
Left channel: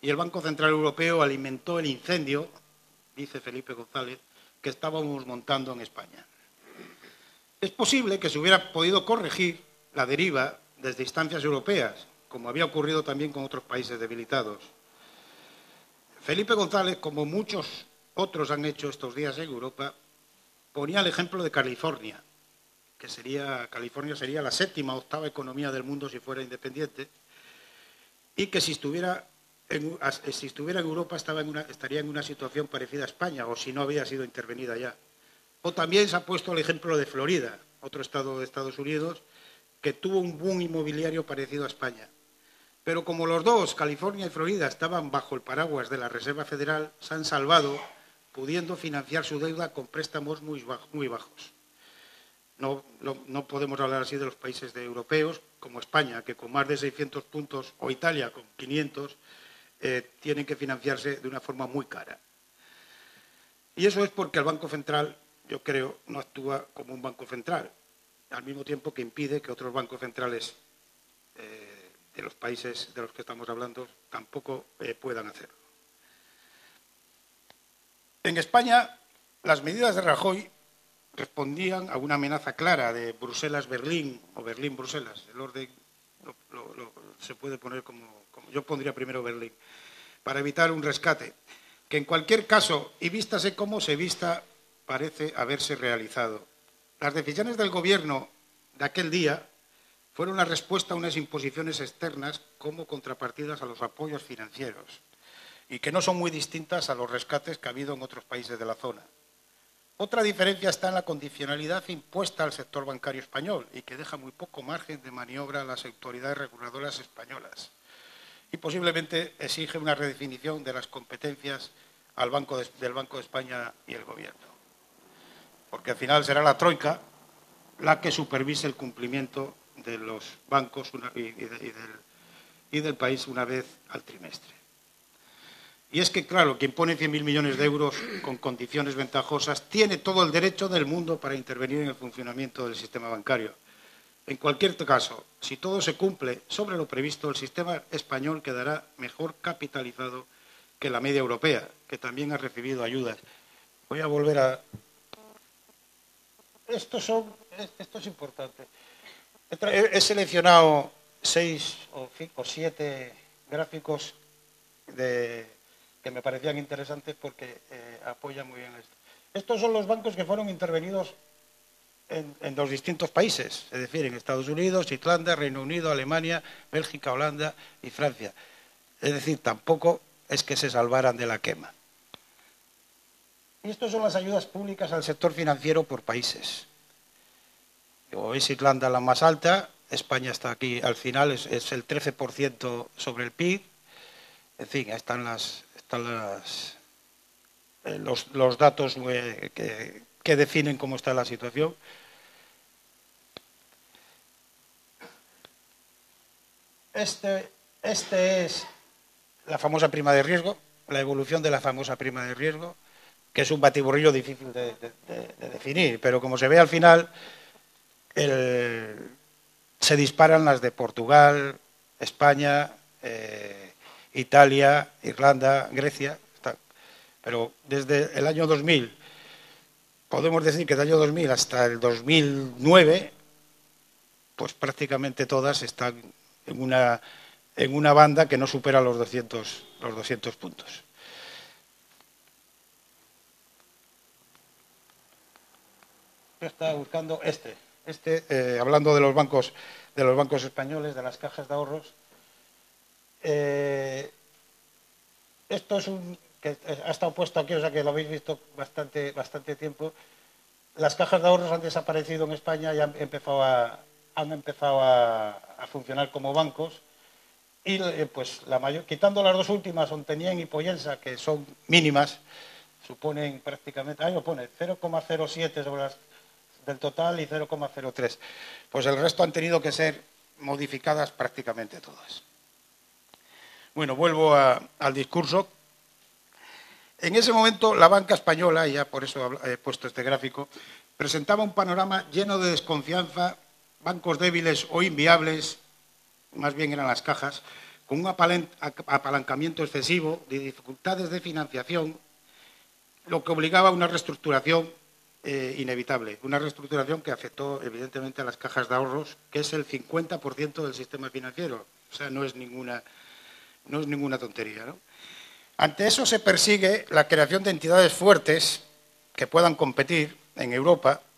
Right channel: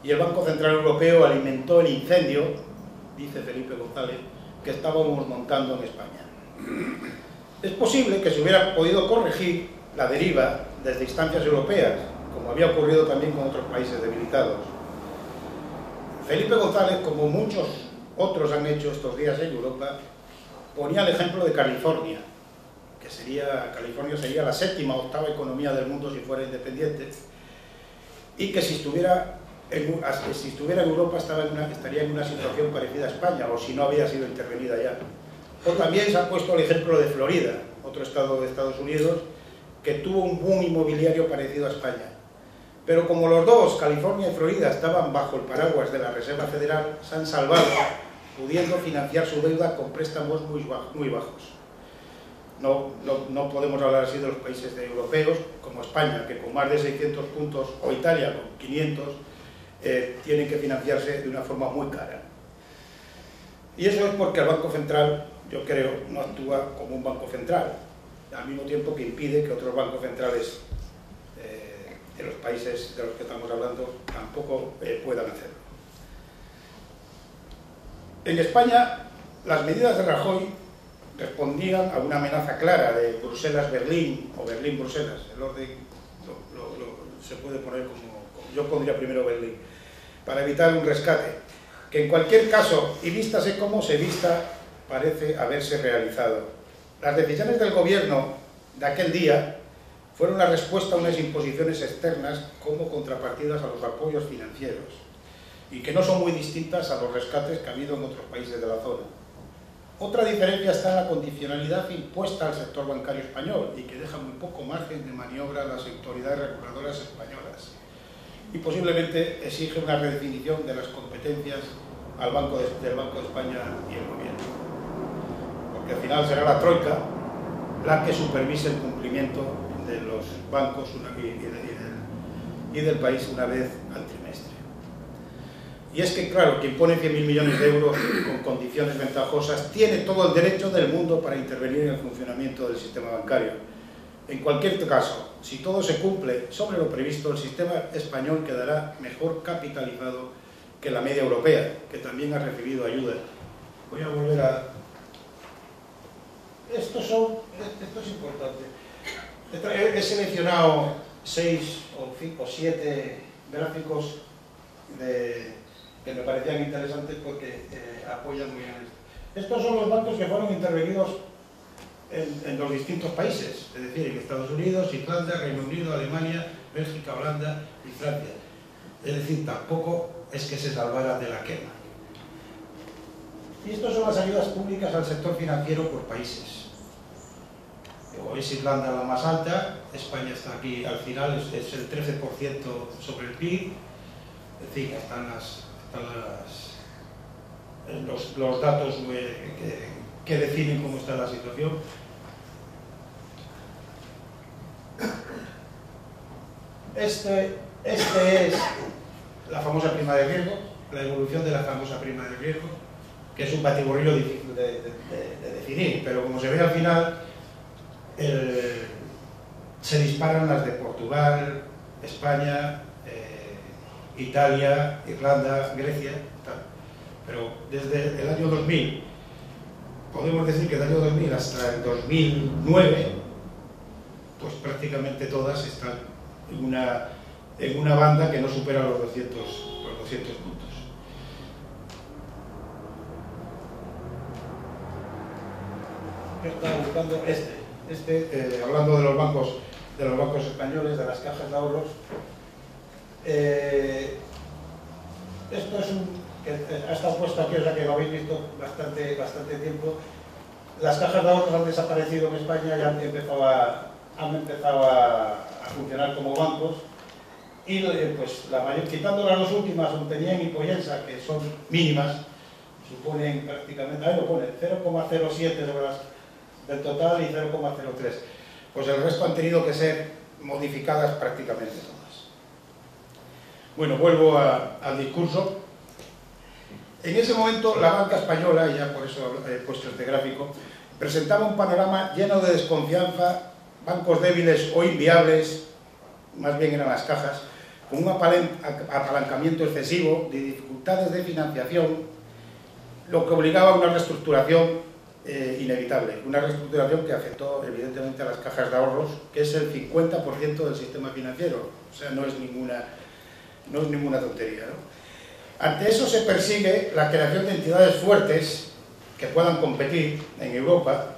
Y el Banco Central Europeo alimentó el incendio, dice Felipe González, que estábamos montando en España. Es posible que se hubiera podido corregir la deriva desde instancias europeas, como había ocurrido también con otros países debilitados. Felipe González, como muchos otros han hecho estos días en Europa, ponía el ejemplo de California, California sería la séptima o octava economía del mundo si fuera independiente, y que si estuviera en Europa estaría en una situación parecida a España, o si no había sido intervenida ya. O también se ha puesto el ejemplo de Florida, otro estado de Estados Unidos, que tuvo un boom inmobiliario parecido a España. Pero como los dos, California y Florida, estaban bajo el paraguas de la Reserva Federal, se han salvado, pudiendo financiar su deuda con préstamos muy bajos. No podemos hablar así de los países europeos, como España, que con más de 600 puntos, o Italia con 500, tienen que financiarse de una forma muy cara. Y eso es porque el Banco Central, yo creo, no actúa como un banco central, al mismo tiempo que impide que otros bancos centrales de los países de los que estamos hablando tampoco puedan hacerlo. En España, las medidas de Rajoy respondían a una amenaza clara de Bruselas-Berlín o Berlín-Bruselas. El orden se puede poner como yo pondría primero Berlín, para evitar un rescate, que en cualquier caso, y vístase como se vista, parece haberse realizado. Las decisiones del gobierno de aquel día fueron la respuesta a unas imposiciones externas como contrapartidas a los apoyos financieros, y que no son muy distintas a los rescates que ha habido en otros países de la zona. Otra diferencia está en la condicionalidad impuesta al sector bancario español y que deja muy poco margen de maniobra a las autoridades reguladoras españolas, y posiblemente exige una redefinición de las competencias del Banco de España y el gobierno, porque al final será la troika la que supervise el cumplimiento de los bancos y del país una vez al trimestre. Y es que, claro, quien pone 100.000 millones de euros con condiciones ventajosas tiene todo el derecho del mundo para intervenir en el funcionamiento del sistema bancario. En cualquier caso, si todo se cumple sobre lo previsto, el sistema español quedará mejor capitalizado que la media europea, que también ha recibido ayudas. Voy a volver a... Esto es importante. He seleccionado 6 o 7 gráficos que me parecían interesantes porque apoyan muy bien esto. Estos son los bancos que fueron intervenidos en los distintos países, es decir, en Estados Unidos, Irlanda, Reino Unido, Alemania, Bélgica, Holanda y Francia. Es decir, tampoco es que se salvaran de la quema. Y estas son las ayudas públicas al sector financiero por países. O es Irlanda la más alta, España está aquí al final, es el 13% sobre el PIB. En fin, están los datos que definen cómo está la situación. Este es la famosa prima de riesgo, la evolución de la famosa prima de riesgo, que es un batiburrillo difícil de definir, pero como se ve al final, se disparan las de Portugal, España, Italia, Irlanda, Grecia, tal. Pero desde el año 2000, podemos decir que del año 2000 hasta el 2009, pues prácticamente todas están en una banda que no supera los 200 puntos. Estaba buscando hablando de los bancos españoles, de las cajas de ahorros. Esto es que ha estado puesto aquí, o sea que lo habéis visto bastante tiempo. Las cajas de ahorros han desaparecido en España y han empezado a funcionar como bancos. Y pues la mayor, quitando las dos últimas, Ontenien y Pollensa, que son mínimas, suponen prácticamente, ahí lo pone, 0,07 del total y 0,03. Pues el resto han tenido que ser modificadas prácticamente todas. Bueno, vuelvo al discurso. En ese momento la banca española, y ya por eso he puesto este gráfico, presentaba un panorama lleno de desconfianza, bancos débiles o inviables, más bien eran las cajas, con un apalancamiento excesivo, de dificultades de financiación, lo que obligaba a una reestructuración inevitable, una reestructuración que afectó evidentemente a las cajas de ahorros, que es el 50% del sistema financiero, o sea, no es ninguna tontería, ¿no? Ante eso se persigue la creación de entidades fuertes que puedan competir en Europa,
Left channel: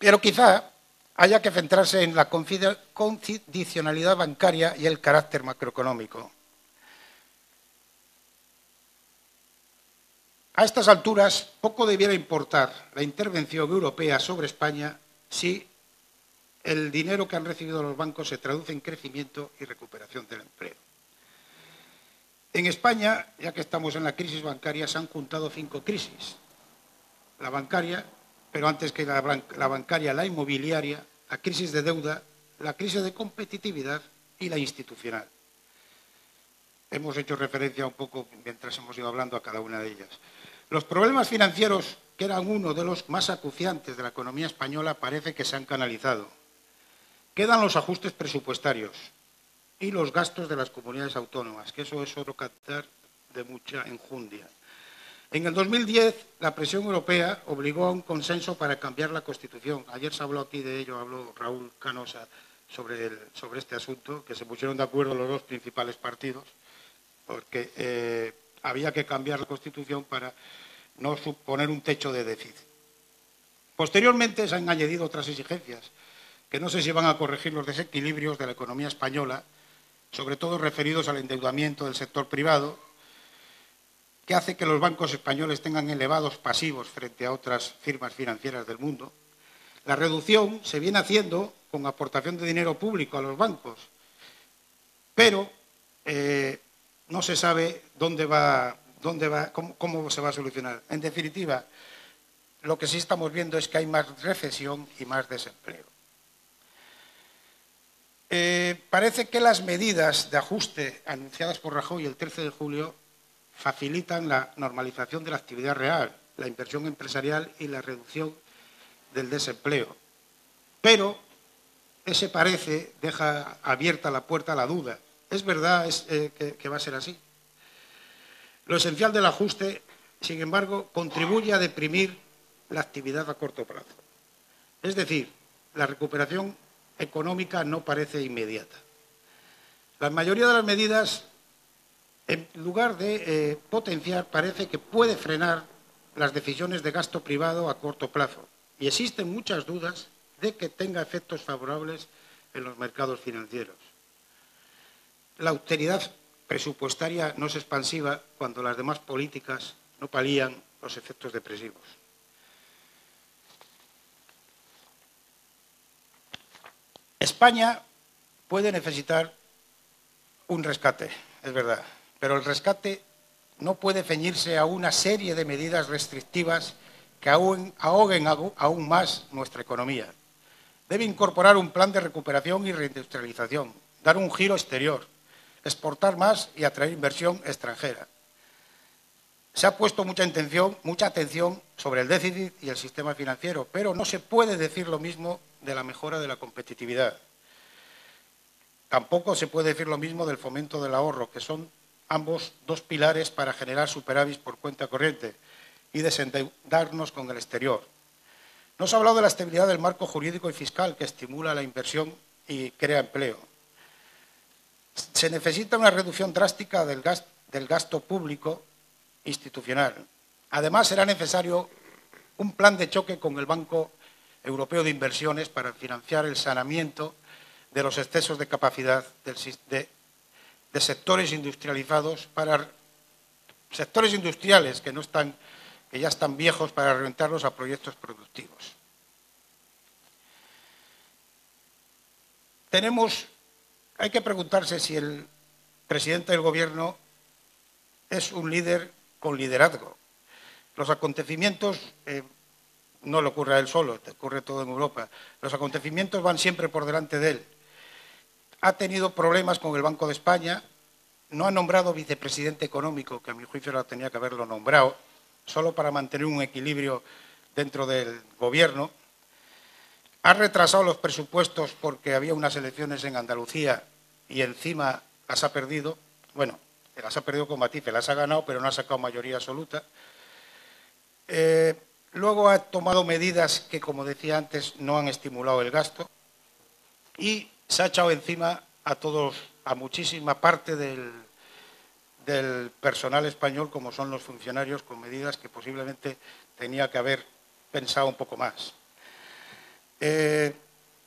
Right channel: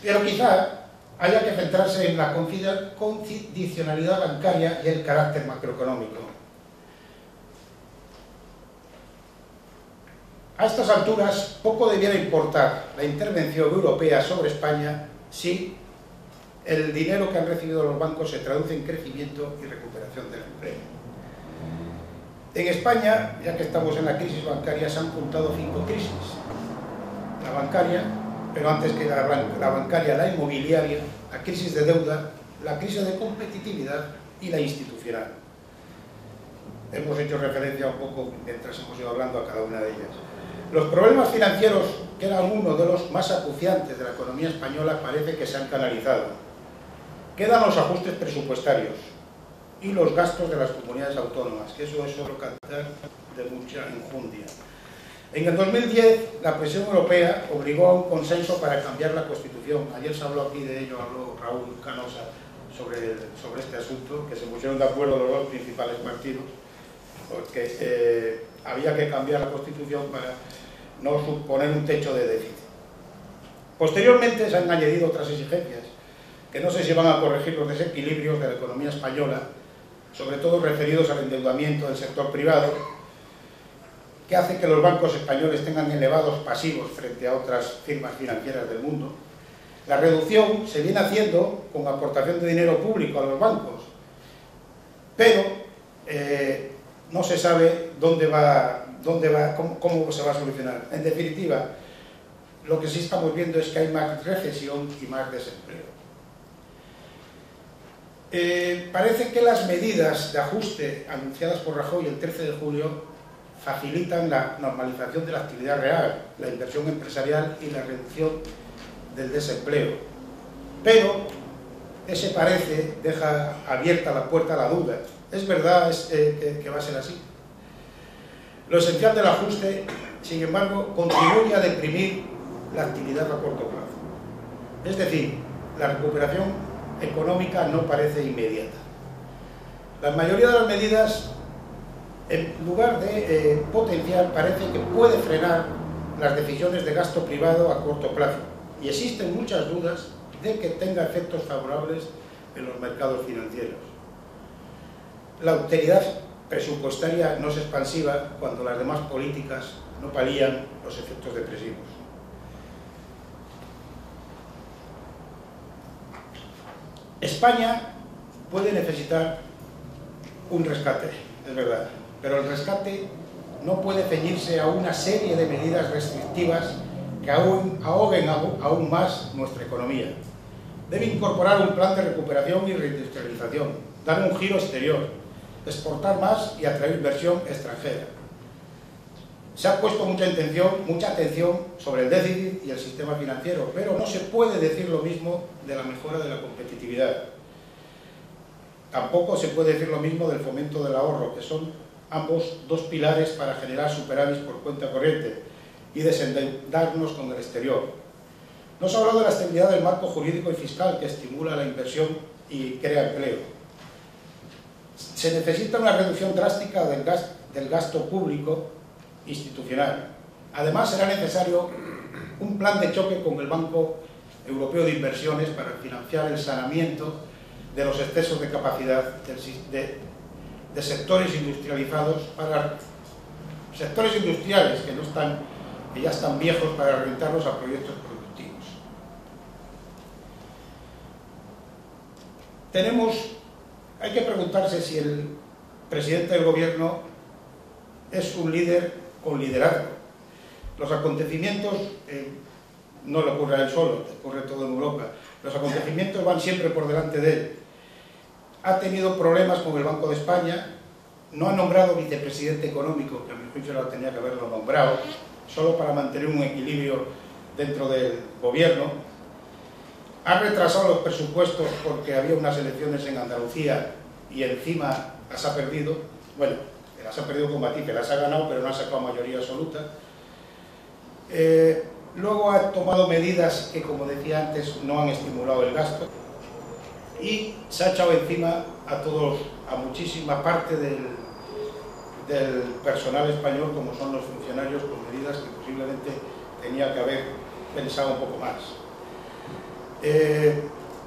pero quizá haya que centrarse en la condicionalidad bancaria y el carácter macroeconómico. A estas alturas, poco debiera importar la intervención europea sobre España si el dinero que han recibido los bancos se traduce en crecimiento y recuperación del empleo. En España, ya que estamos en la crisis bancaria, se han juntado 5 crisis. La bancaria, pero antes que la bancaria, la inmobiliaria, la crisis de deuda, la crisis de competitividad y la institucional. Hemos hecho referencia un poco, mientras hemos ido hablando, a cada una de ellas. Los problemas financieros, que eran uno de los más acuciantes de la economía española, parece que se han canalizado. Quedan los ajustes presupuestarios y los gastos de las comunidades autónomas, que eso es otro cantar de mucha enjundia. En el 2010, la presión europea obligó a un consenso para cambiar la Constitución. Ayer se habló aquí de ello, habló Raúl Canosa sobre este asunto, que se pusieron de acuerdo los dos principales partidos, porque había que cambiar la Constitución para no suponer un techo de déficit. Posteriormente se han añadido otras exigencias, que no sé si van a corregir los desequilibrios de la economía española, sobre todo referidos al endeudamiento del sector privado, que hace que los bancos españoles tengan elevados pasivos frente a otras firmas financieras del mundo. La reducción se viene haciendo con aportación de dinero público a los bancos, pero no se sabe cómo se va a solucionar. En definitiva, lo que sí estamos viendo es que hay más recesión y más desempleo. Parece que las medidas de ajuste anunciadas por Rajoy el 13 de julio facilitan la normalización de la actividad real, la inversión empresarial y la reducción del desempleo. Pero ese parece deja abierta la puerta a la duda. ¿Es verdad que va a ser así? Lo esencial del ajuste, sin embargo, contribuye a deprimir la actividad a corto plazo. Es decir, la recuperación económica no parece inmediata. La mayoría de las medidas, en lugar de potenciar, parece que puede frenar las decisiones de gasto privado a corto plazo. Y existen muchas dudas de que tenga efectos favorables en los mercados financieros. La austeridad presupuestaria no es expansiva cuando las demás políticas no palían los efectos depresivos. España puede necesitar un rescate, es verdad, pero el rescate no puede ceñirse a una serie de medidas restrictivas que ahoguen aún más nuestra economía. Debe incorporar un plan de recuperación y reindustrialización, dar un giro exterior, exportar más y atraer inversión extranjera. Se ha puesto mucha atención sobre el déficit y el sistema financiero, pero no se puede decir lo mismo de la mejora de la competitividad. Tampoco se puede decir lo mismo del fomento del ahorro, que son ambos dos pilares para generar superávit por cuenta corriente y desendeudarnos con el exterior. No se ha hablado de la estabilidad del marco jurídico y fiscal que estimula la inversión y crea empleo. Se necesita una reducción drástica del gasto público institucional. Además, será necesario un plan de choque con el Banco Europeo de Inversiones para financiar el saneamiento de los excesos de capacidad de sectores industrializados, para sectores industriales que ya están viejos para orientarlos a proyectos productivos. Hay que preguntarse si el presidente del gobierno es un líder con liderazgo. Los acontecimientos, no le ocurre a él solo, le ocurre a toda Europa, los acontecimientos van siempre por delante de él. Ha tenido problemas con el Banco de España, no ha nombrado vicepresidente económico, que a mi juicio tenía que haberlo nombrado, solo para mantener un equilibrio dentro del gobierno. Ha retrasado los presupuestos porque había unas elecciones en Andalucía y encima las ha perdido. Bueno, las ha perdido con matices, las ha ganado, pero no ha sacado mayoría absoluta. Luego ha tomado medidas que, como decía antes, no han estimulado el gasto. Y se ha echado encima a muchísima parte del personal español, como son los funcionarios, con medidas que posiblemente tenía que haber pensado un poco más.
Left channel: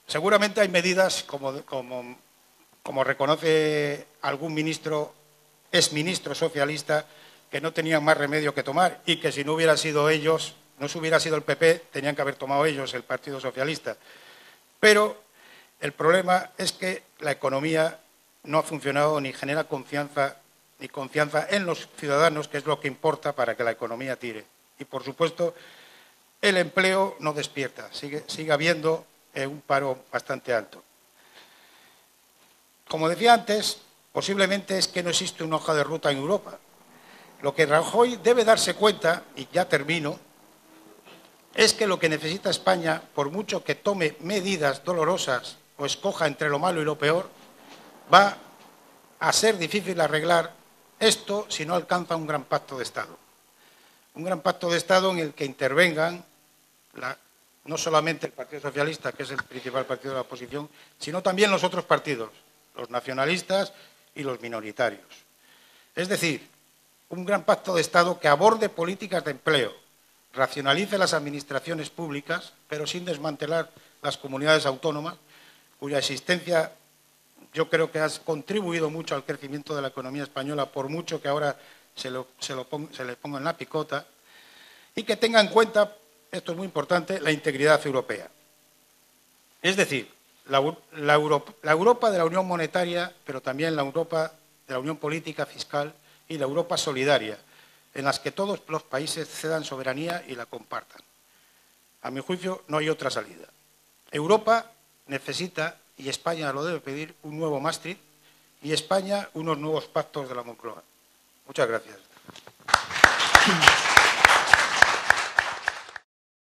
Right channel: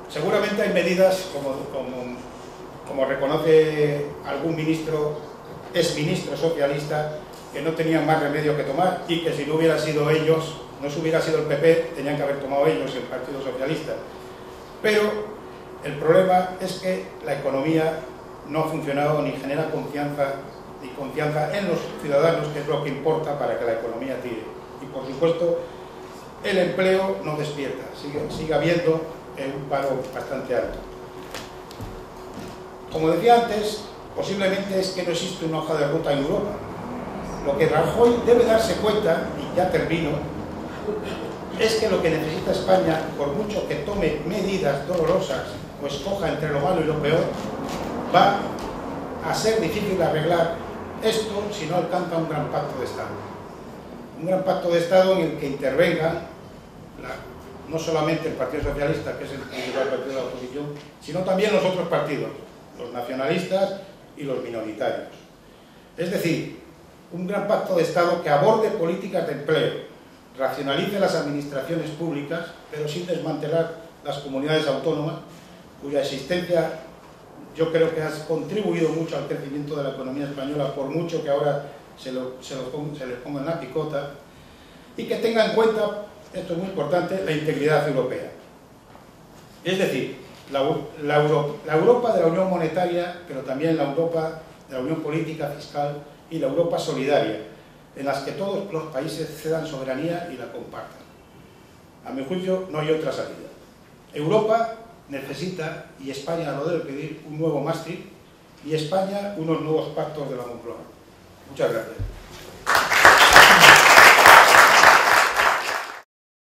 Seguramente hay medidas, como reconoce algún exministro socialista, que no tenían más remedio que tomar y que si no hubiera sido ellos, no se hubiera sido el PP, tenían que haber tomado ellos, el Partido Socialista. Pero el problema es que la economía no ha funcionado ni genera confianza en los ciudadanos, que es lo que importa para que la economía tire. Y por supuesto, el empleo no despierta, sigue habiendo un paro bastante alto. Como decía antes, posiblemente es que no existe una hoja de ruta en Europa. Lo que Rajoy debe darse cuenta, y ya termino, es que lo que necesita España, por mucho que tome medidas dolorosas o escoja entre lo malo y lo peor, va a ser difícil arreglar esto si no alcanza un gran pacto de Estado. Un gran pacto de Estado en el que intervengan no solamente el Partido Socialista, que es el principal partido de la oposición, sino también los otros partidos, los nacionalistas y los minoritarios. Es decir, un gran pacto de Estado que aborde políticas de empleo, racionalice las administraciones públicas, pero sin desmantelar las comunidades autónomas, cuya existencia yo creo que ha contribuido mucho al crecimiento de la economía española, por mucho que ahora se les ponga en la picota, y que tenga en cuenta, esto es muy importante, la integridad europea. Es decir, la Europa de la Unión Monetaria, pero también la Europa de la Unión Política, Fiscal y la Europa solidaria, en las que todos los países cedan soberanía y la compartan. A mi juicio, no hay otra salida. Europa necesita, y España lo debe pedir, un nuevo Maastricht, y España unos nuevos pactos de la Moncloa. Muchas gracias.